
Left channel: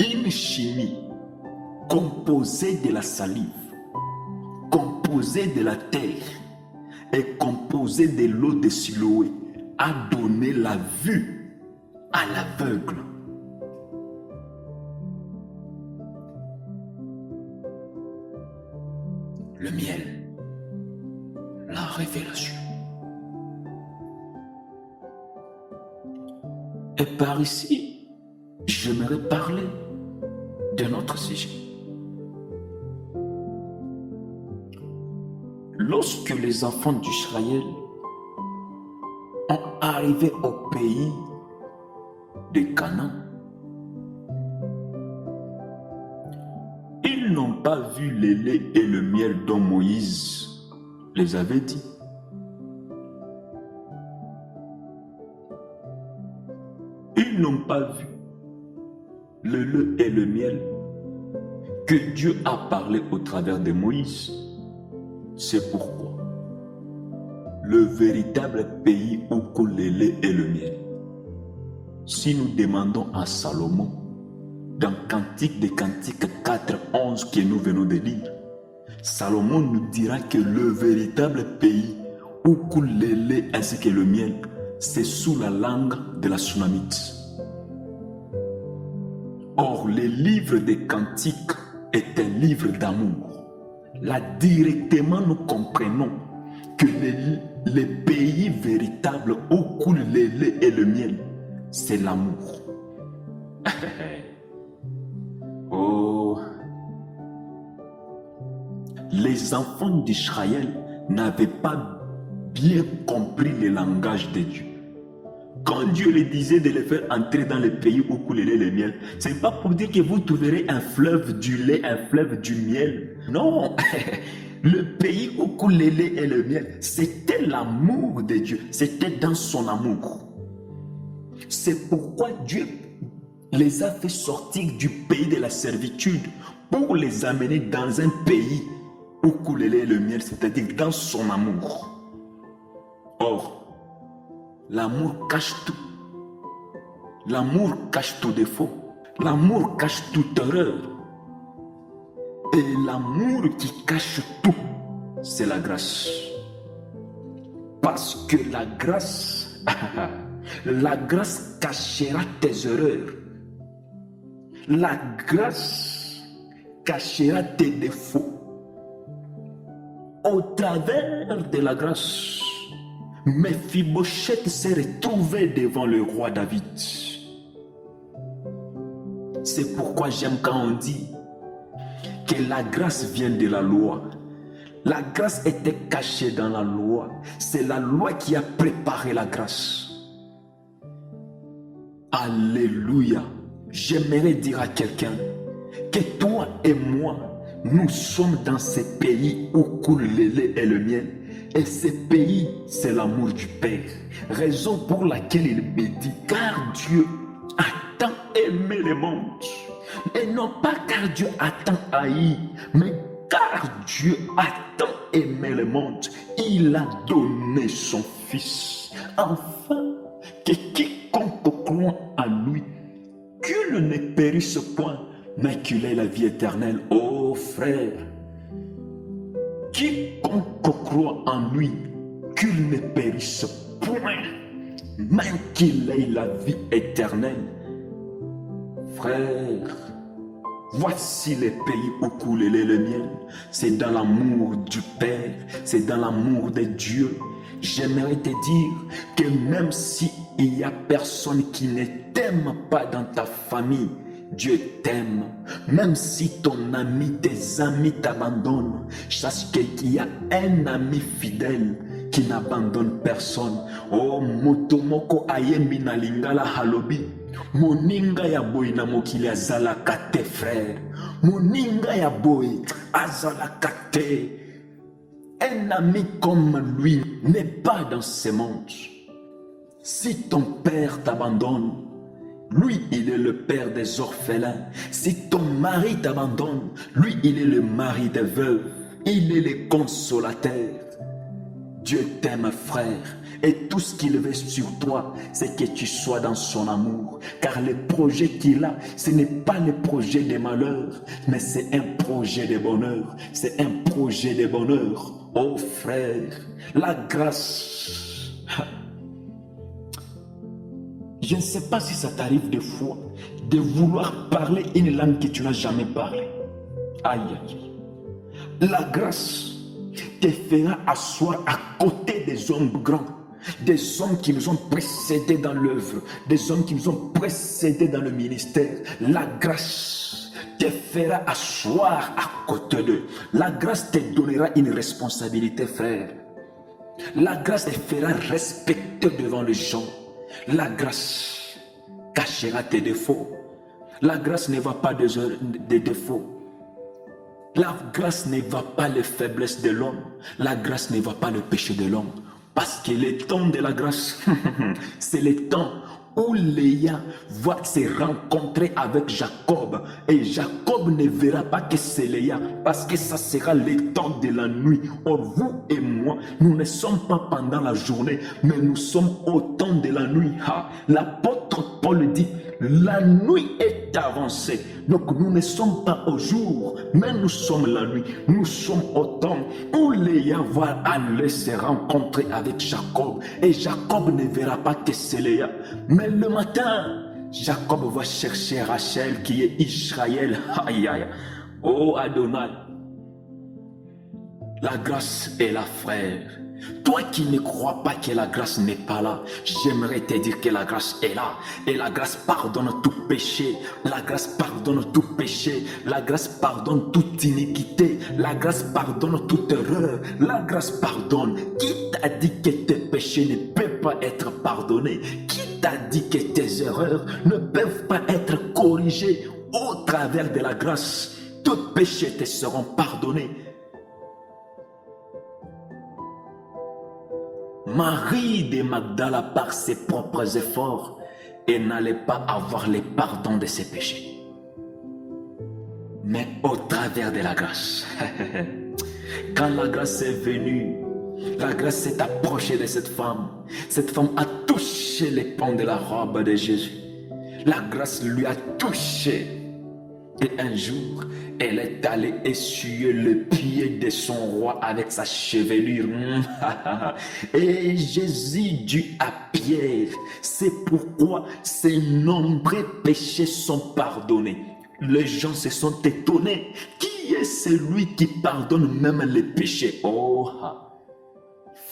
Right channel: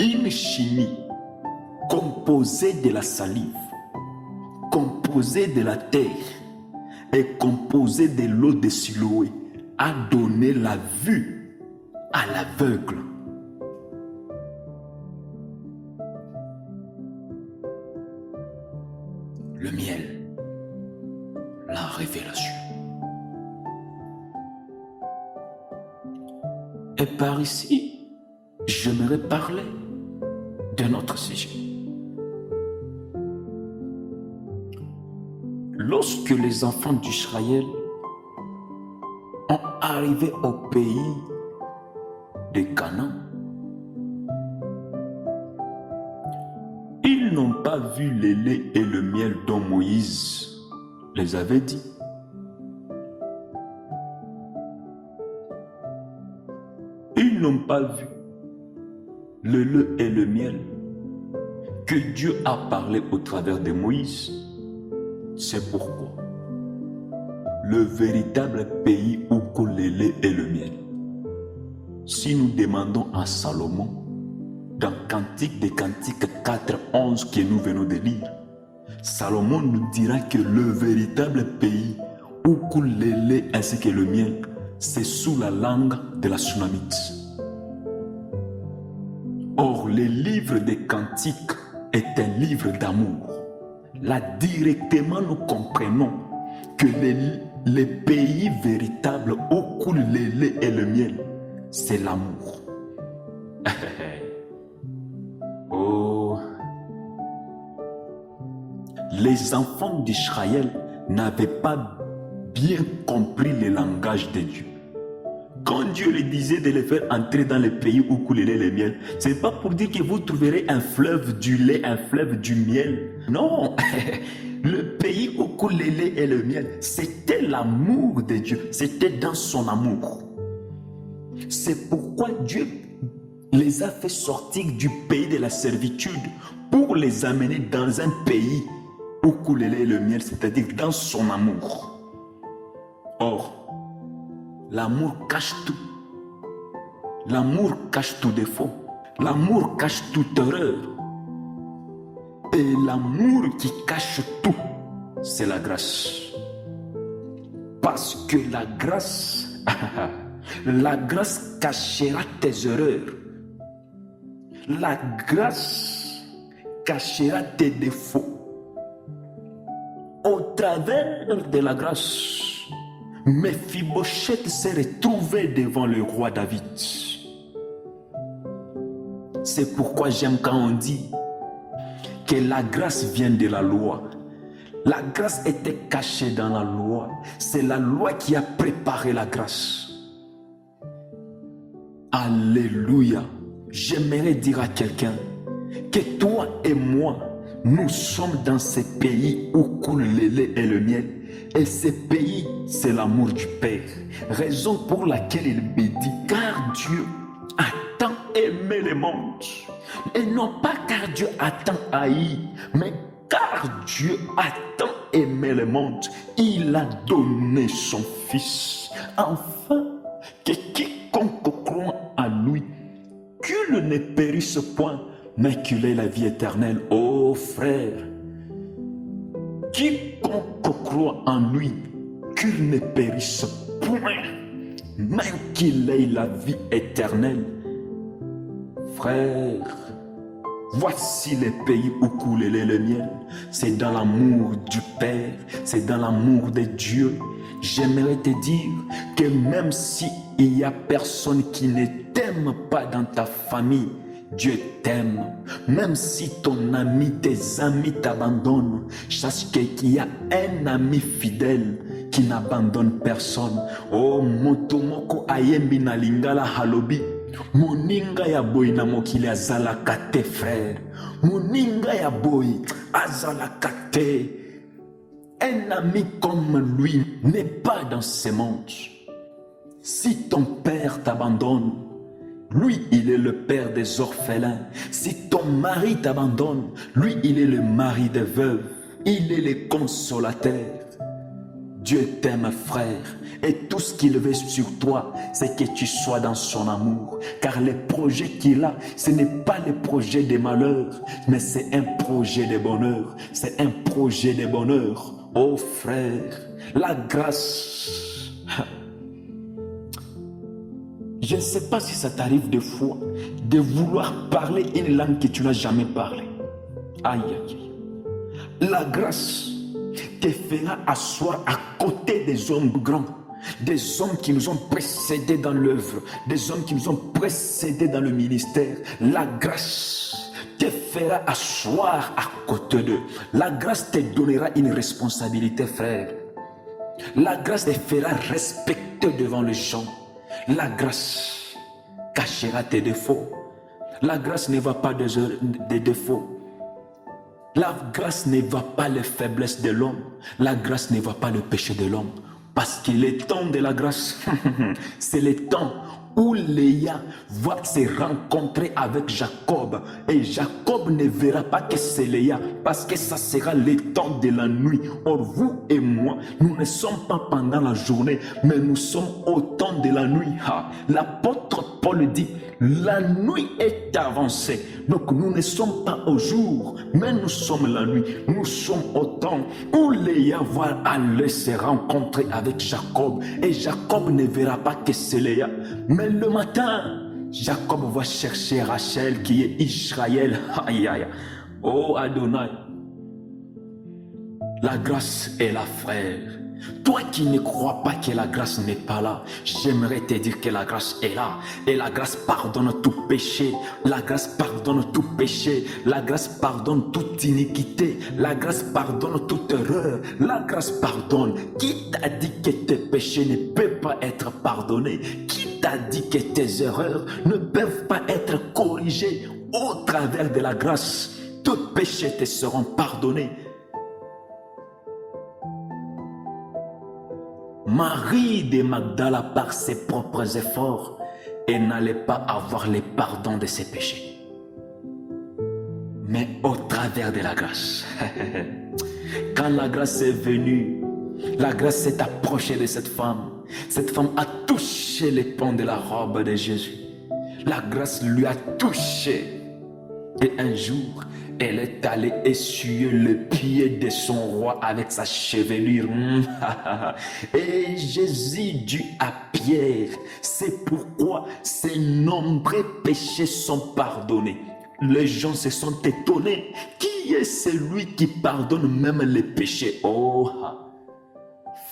Une chimie composée de la salive, composée de la terre et composée de l'eau de Siloé a donné la vue à l'aveugle. Le miel, la révélation. Et par ici, j'aimerais parler de notre sujet. Lorsque les enfants d'Israël ont arrivé au pays de Canaan, ils n'ont pas vu le lait et le miel dont Moïse les avait dit. Ils n'ont pas vu le lait et le miel que Dieu a parlé au travers de Moïse. C'est pourquoi le véritable pays où coule le lait et le miel, si nous demandons à Salomon, dans Cantique des Cantiques 4:11 que nous venons de lire, Salomon nous dira que le véritable pays où coule le lait ainsi que le miel, c'est sous la langue de la Sunamite. Or, le livre des Cantiques est un livre d'amour. Là, directement, nous comprenons que les pays véritables où coule le lait et le miel, c'est l'amour. Oh, les enfants d'Israël n'avaient pas bien compris le langage de Dieu. Quand Dieu les disait de les faire entrer dans le pays où coule le lait et le miel, ce n'est pas pour dire que vous trouverez un fleuve du lait, un fleuve du miel. Non, le pays où coule le lait et le miel, c'était l'amour de Dieu, c'était dans son amour. C'est pourquoi Dieu les a fait sortir du pays de la servitude pour les amener dans un pays où coule le lait et le miel, c'est-à-dire dans son amour. Or, l'amour cache tout. L'amour cache tout défaut. L'amour cache toute erreur. Et l'amour qui cache tout, c'est la grâce. Parce que la grâce cachera tes erreurs. La grâce cachera tes défauts. Au travers de la grâce, Mephibosheth s'est retrouvé devant le roi David. C'est pourquoi j'aime quand on dit que la grâce vient de la loi. La grâce était cachée dans la loi. C'est la loi qui a préparé la grâce. Alléluia. J'aimerais dire à quelqu'un que toi et moi, nous sommes dans ce pays où coule le lait et le miel. Et ce pays, c'est l'amour du Père. Raison pour laquelle il me dit, car Dieu a tant aimé le monde. Et non pas car Dieu a tant haï, mais car Dieu a tant aimé le monde. Il a donné son Fils, afin que quiconque croit en lui, qu'il ne périsse point, mais qu'il ait la vie éternelle. Oh frère, quiconque croit en lui, qu'il ne périsse point, mais qu'il ait la vie éternelle. Frère, voici les pays où coule le lait et le miel. C'est dans l'amour du Père, c'est dans l'amour de Dieu. J'aimerais te dire que même s'il n'y a personne qui ne t'aime pas dans ta famille, Dieu t'aime. Même si ton ami, tes amis t'abandonnent, sache qu'il y a un ami fidèle qui n'abandonne personne. Oh, motomoko ayembi na lingala halobi. Moninga ya boy na mokili azalaka te, frère. Moninga ya boy azalaka te. Un ami comme lui n'est pas dans ce monde. Si ton père t'abandonne, lui, il est le père des orphelins. Si ton mari t'abandonne, lui, il est le mari des veuves. Il est le consolateur. Dieu t'aime, frère, et tout ce qu'il veut sur toi, c'est que tu sois dans son amour. Car le projet qu'il a, ce n'est pas le projet de malheur, mais c'est un projet de bonheur. C'est un projet de bonheur. Oh frère, la grâce. Je ne sais pas si ça t'arrive des fois de vouloir parler une langue que tu n'as jamais parlé. Aïe, aïe. La grâce te fera asseoir à côté des hommes grands, des hommes qui nous ont précédés dans l'œuvre, des hommes qui nous ont précédés dans le ministère. La grâce te fera asseoir à côté d'eux. La grâce te donnera une responsabilité, frère. La grâce te fera respecter devant les gens. La grâce cachera tes défauts. La grâce ne voit pas des défauts. La grâce ne voit pas les faiblesses de l'homme. La grâce ne voit pas le péché de l'homme. Parce que le temps de la grâce, c'est le temps où Léa va se rencontrer avec Jacob. Et Jacob ne verra pas que c'est Léa, parce que ça sera le temps de la nuit. Or, vous et moi, nous ne sommes pas pendant la journée, mais nous sommes au temps de la nuit. L'apôtre Paul dit, la nuit est avancée. Donc, nous ne sommes pas au jour, mais nous sommes la nuit. Nous sommes au temps où Léa va aller se rencontrer avec Jacob. Et Jacob ne verra pas que c'est Léa. Mais le matin, Jacob va chercher Rachel qui est Israël. Aïe, aïe. Oh Adonai. La grâce est là, frère. Toi qui ne crois pas que la grâce n'est pas là, j'aimerais te dire que la grâce est là. Et la grâce pardonne tout péché. La grâce pardonne tout péché. La grâce pardonne toute iniquité. La grâce pardonne toute erreur. La grâce pardonne. Qui t'a dit que tes péchés ne peuvent pas être pardonnés? Qui t'a dit que tes erreurs ne peuvent pas être corrigées au travers de la grâce? Tous péchés te seront pardonnés. Marie de Magdala, par ses propres efforts, elle n'allait pas avoir le pardon de ses péchés. Mais au travers de la grâce, quand la grâce est venue, la grâce s'est approchée de cette femme. Cette femme a touché les pans de la robe de Jésus. La grâce lui a touché. Et un jour, elle est allée essuyer le pied de son roi avec sa chevelure. Et Jésus dit à Pierre, c'est pourquoi ces nombreux péchés sont pardonnés. Les gens se sont étonnés. Qui est celui qui pardonne même les péchés? Oh,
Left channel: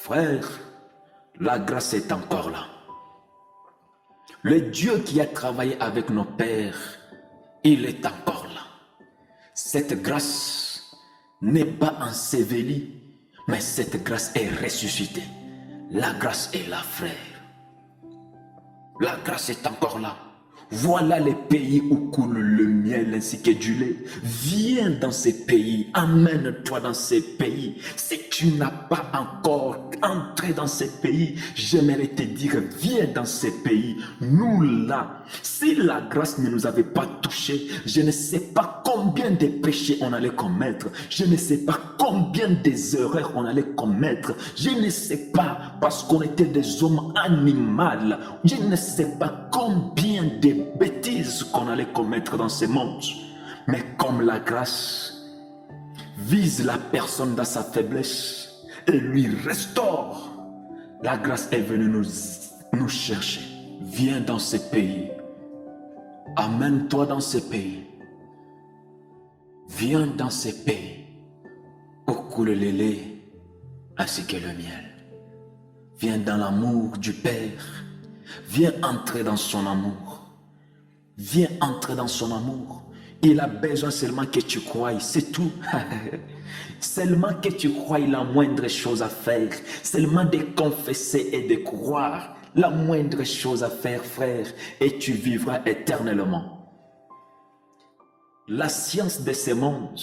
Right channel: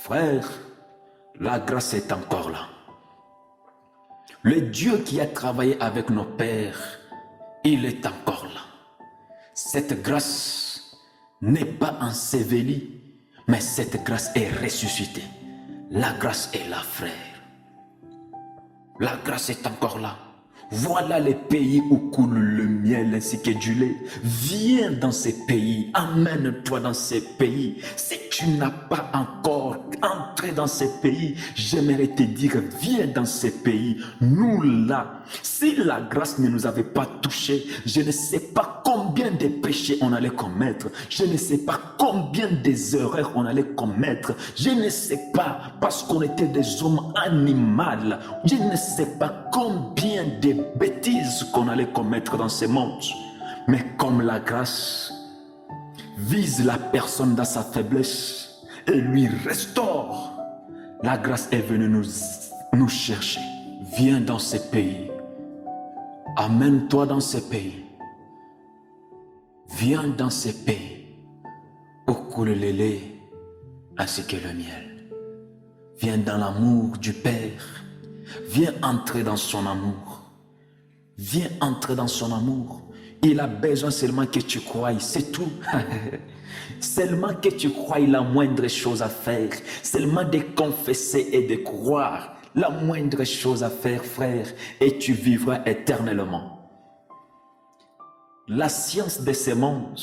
frère, la grâce est encore là. Le Dieu qui a travaillé avec nos pères, il est encore là. Cette grâce n'est pas ensevelie, mais cette grâce est ressuscitée. La grâce est là, frère. La grâce est encore là. Voilà les pays où coule le miel ainsi que du lait. Viens dans ces pays, amène-toi dans ces pays. Si tu n'as pas encore entré dans ces pays, j'aimerais te dire, viens dans ces pays. Nous là, si la grâce ne nous avait pas touchés, je ne sais pas combien de péchés on allait commettre. Je ne sais pas combien des erreurs on allait commettre. Je ne sais pas, parce qu'on était des hommes animaux. Je ne sais pas combien de bêtises qu'on allait commettre dans ce monde. Mais comme la grâce vise la personne dans sa faiblesse et lui restaure, la grâce est venue nous chercher. Viens dans ce pays. Amène-toi dans ce pays. Viens dans ce pays où coule le lait ainsi que le miel. Viens dans l'amour du Père. Viens entrer dans son amour. Viens entrer dans son amour. Il a besoin seulement que tu croies, c'est tout. Seulement que tu croies, la moindre chose à faire. Seulement de confesser et de croire. La moindre chose à faire, frère, et tu vivras éternellement. La science de ce monde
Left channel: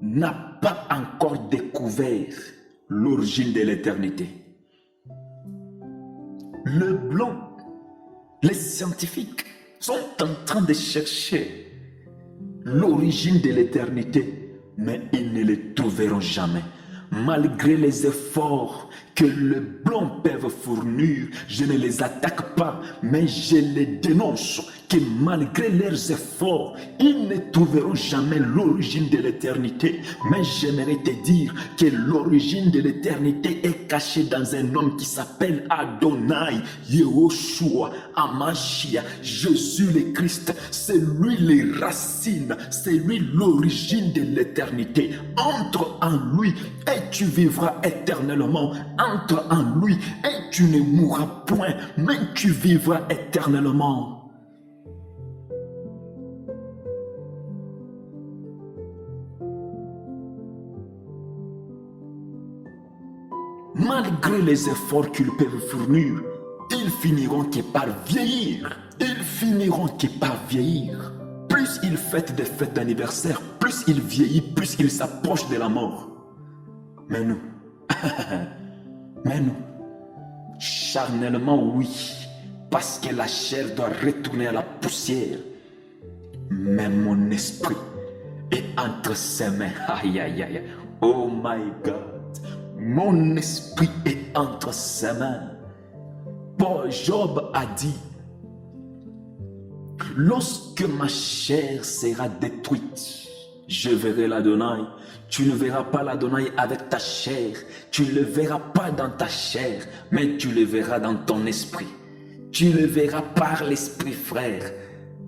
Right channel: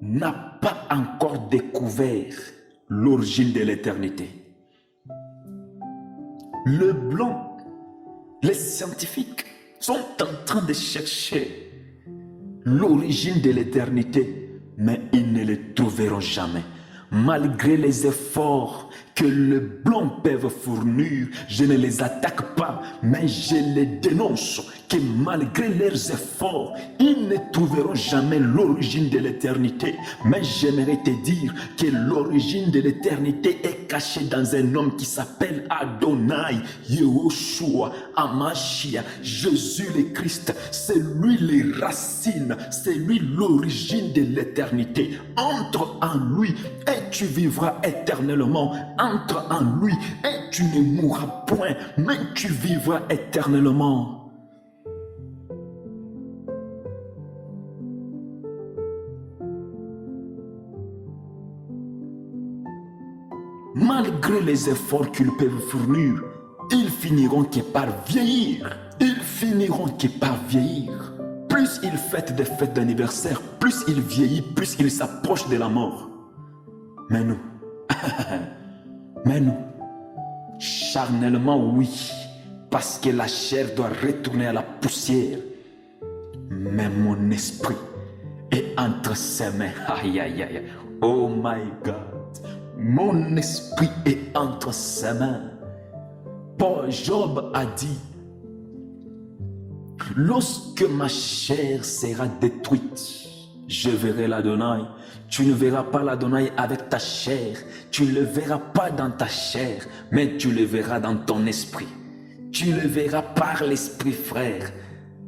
n'a pas encore découvert l'origine de l'éternité. Le blanc, les scientifiques sont en train de chercher l'origine de l'éternité. mais ils ne les trouveront jamais. Malgré les efforts que les blancs peuvent fournir, je ne les attaque pas, mais je les dénonce. Que malgré leurs efforts, ils ne trouveront jamais l'origine de l'éternité. Mais j'aimerais te dire que l'origine de l'éternité est cachée dans un homme qui s'appelle Adonai, Yehoshua, Amashia, Jésus le Christ. C'est lui les racines, c'est lui l'origine de l'éternité. Entre en lui et tu vivras éternellement. Entre en lui et tu ne mourras point, mais tu vivras éternellement. Malgré les efforts qu'ils peuvent fournir, ils finiront que par vieillir. Ils finiront que par vieillir. Plus ils fêtent des fêtes d'anniversaire, plus ils vieillissent, plus ils s'approchent de la mort. Mais nous, charnellement oui, parce que la chair doit retourner à la poussière. Mais mon esprit est entre ses mains. Aïe, aïe, aïe. Oh my God. Mon esprit est entre ses mains. Paul Job a dit, lorsque ma chair sera détruite, je verrai l'Adonai. Tu ne verras pas l'Adonai avec ta chair. Tu ne le verras pas dans ta chair, mais tu le verras dans ton esprit. Tu le verras par l'esprit, frère.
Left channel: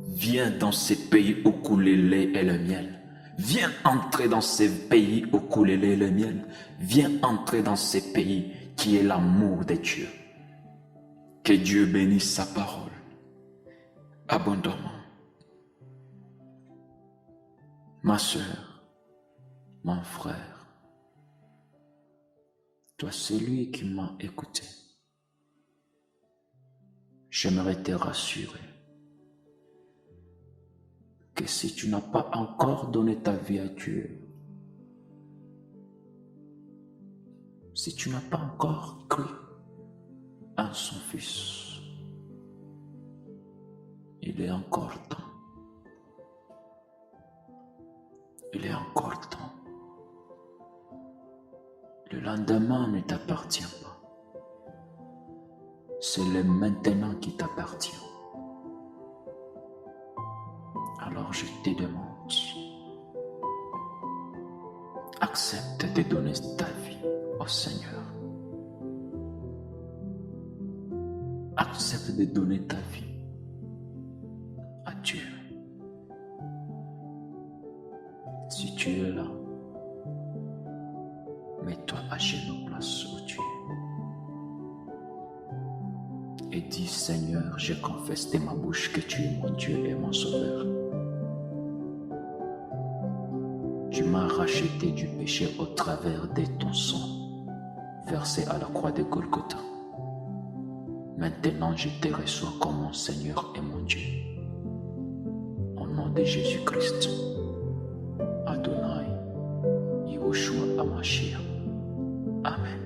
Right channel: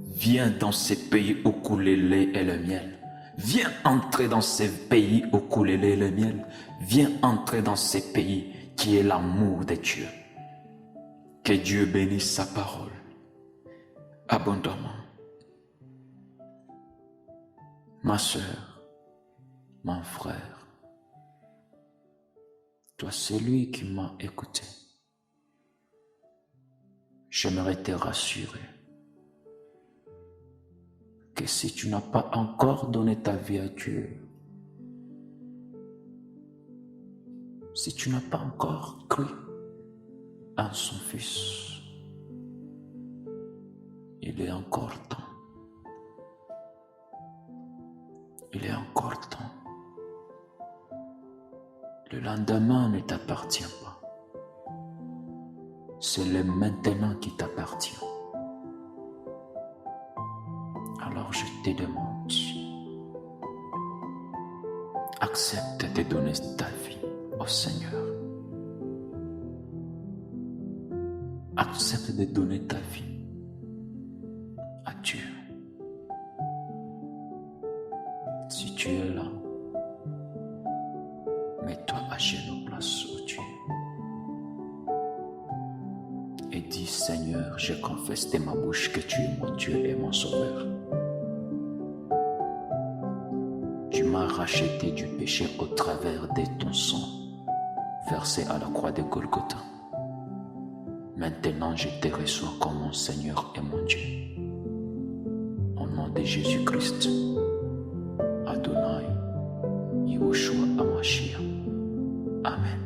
Viens dans ces pays où coule le lait et le miel. Viens entrer dans ces pays où coule le lait et le miel. Viens entrer dans ces pays qui est l'amour de Dieu. Que Dieu bénisse sa parole abondamment. Ma soeur, mon frère, toi celui qui m'a écouté, j'aimerais te rassurer que si tu n'as pas encore donné ta vie à Dieu, si tu n'as pas encore cru en son Fils, il est encore temps. Il est encore temps. Le lendemain ne t'appartient pas. C'est le maintenant qui t'appartient. Alors je te demande, accepte de donner ta vie au Seigneur. Accepte de donner ta vie à Dieu. Si tu es là, mets-toi à genoux place où tu es. Et dis, Seigneur, je confesse de ma bouche que tu es mon Dieu et mon Sauveur. Tu m'as racheté du péché au travers de ton sang, versé à la croix de Golgotha. Maintenant, je te reçois comme mon Seigneur et mon Dieu. Au nom de Jésus-Christ, Adonai, Yehoshua Amashia. Amen.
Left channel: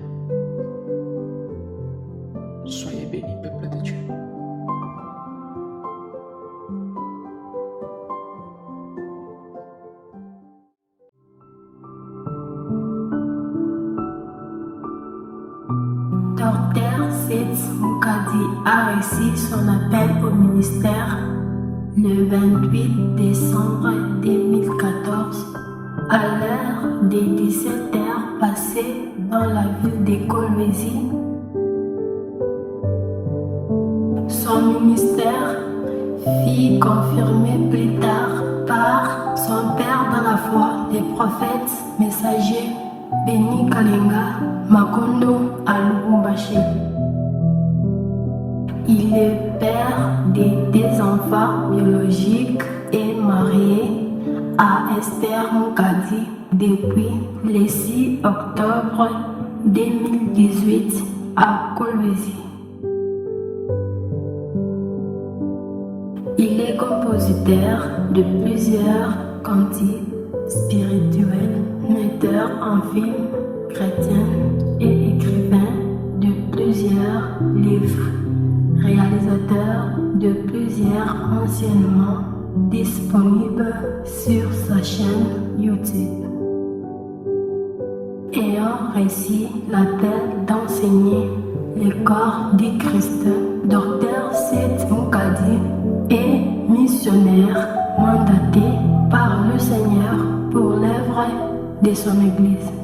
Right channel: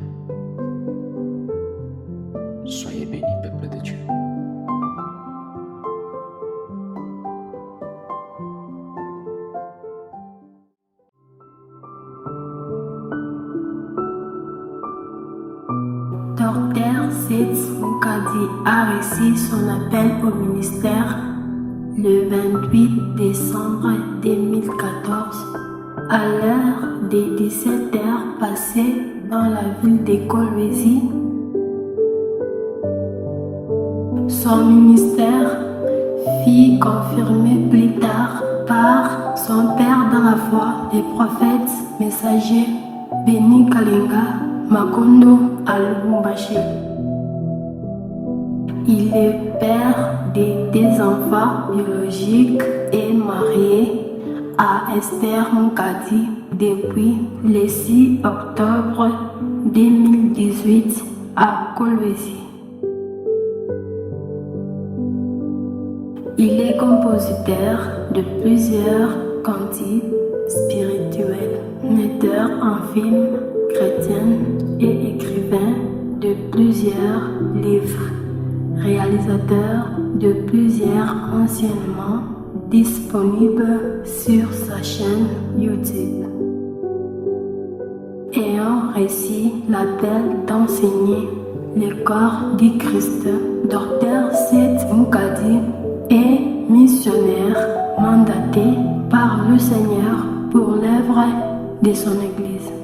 Soyez bénis, peuple de Dieu. Dr. Seth Mukadi a reçu son appel au ministère le 28 décembre 2014 à l'heure des 17h passées dans la ville de Kolwezi. Son ministère fut confirmé plus tard par son père dans la foi, le prophète messager Beni Kalenga Makondo à Lubumbashi. Il est père de 2 enfants biologiques et marié à Esther Mukadi depuis le 6 octobre 2018 à Kolwezi. Il est compositeur de plusieurs cantiques spirituels, metteur en film chrétien et écrivain de plusieurs livres, réalisateur de plusieurs enseignements disponibles sur sa chaîne YouTube. le corps du Christ. Dr. Seth Mukadi est missionnaire mandaté par le Seigneur pour l'œuvre de son Église.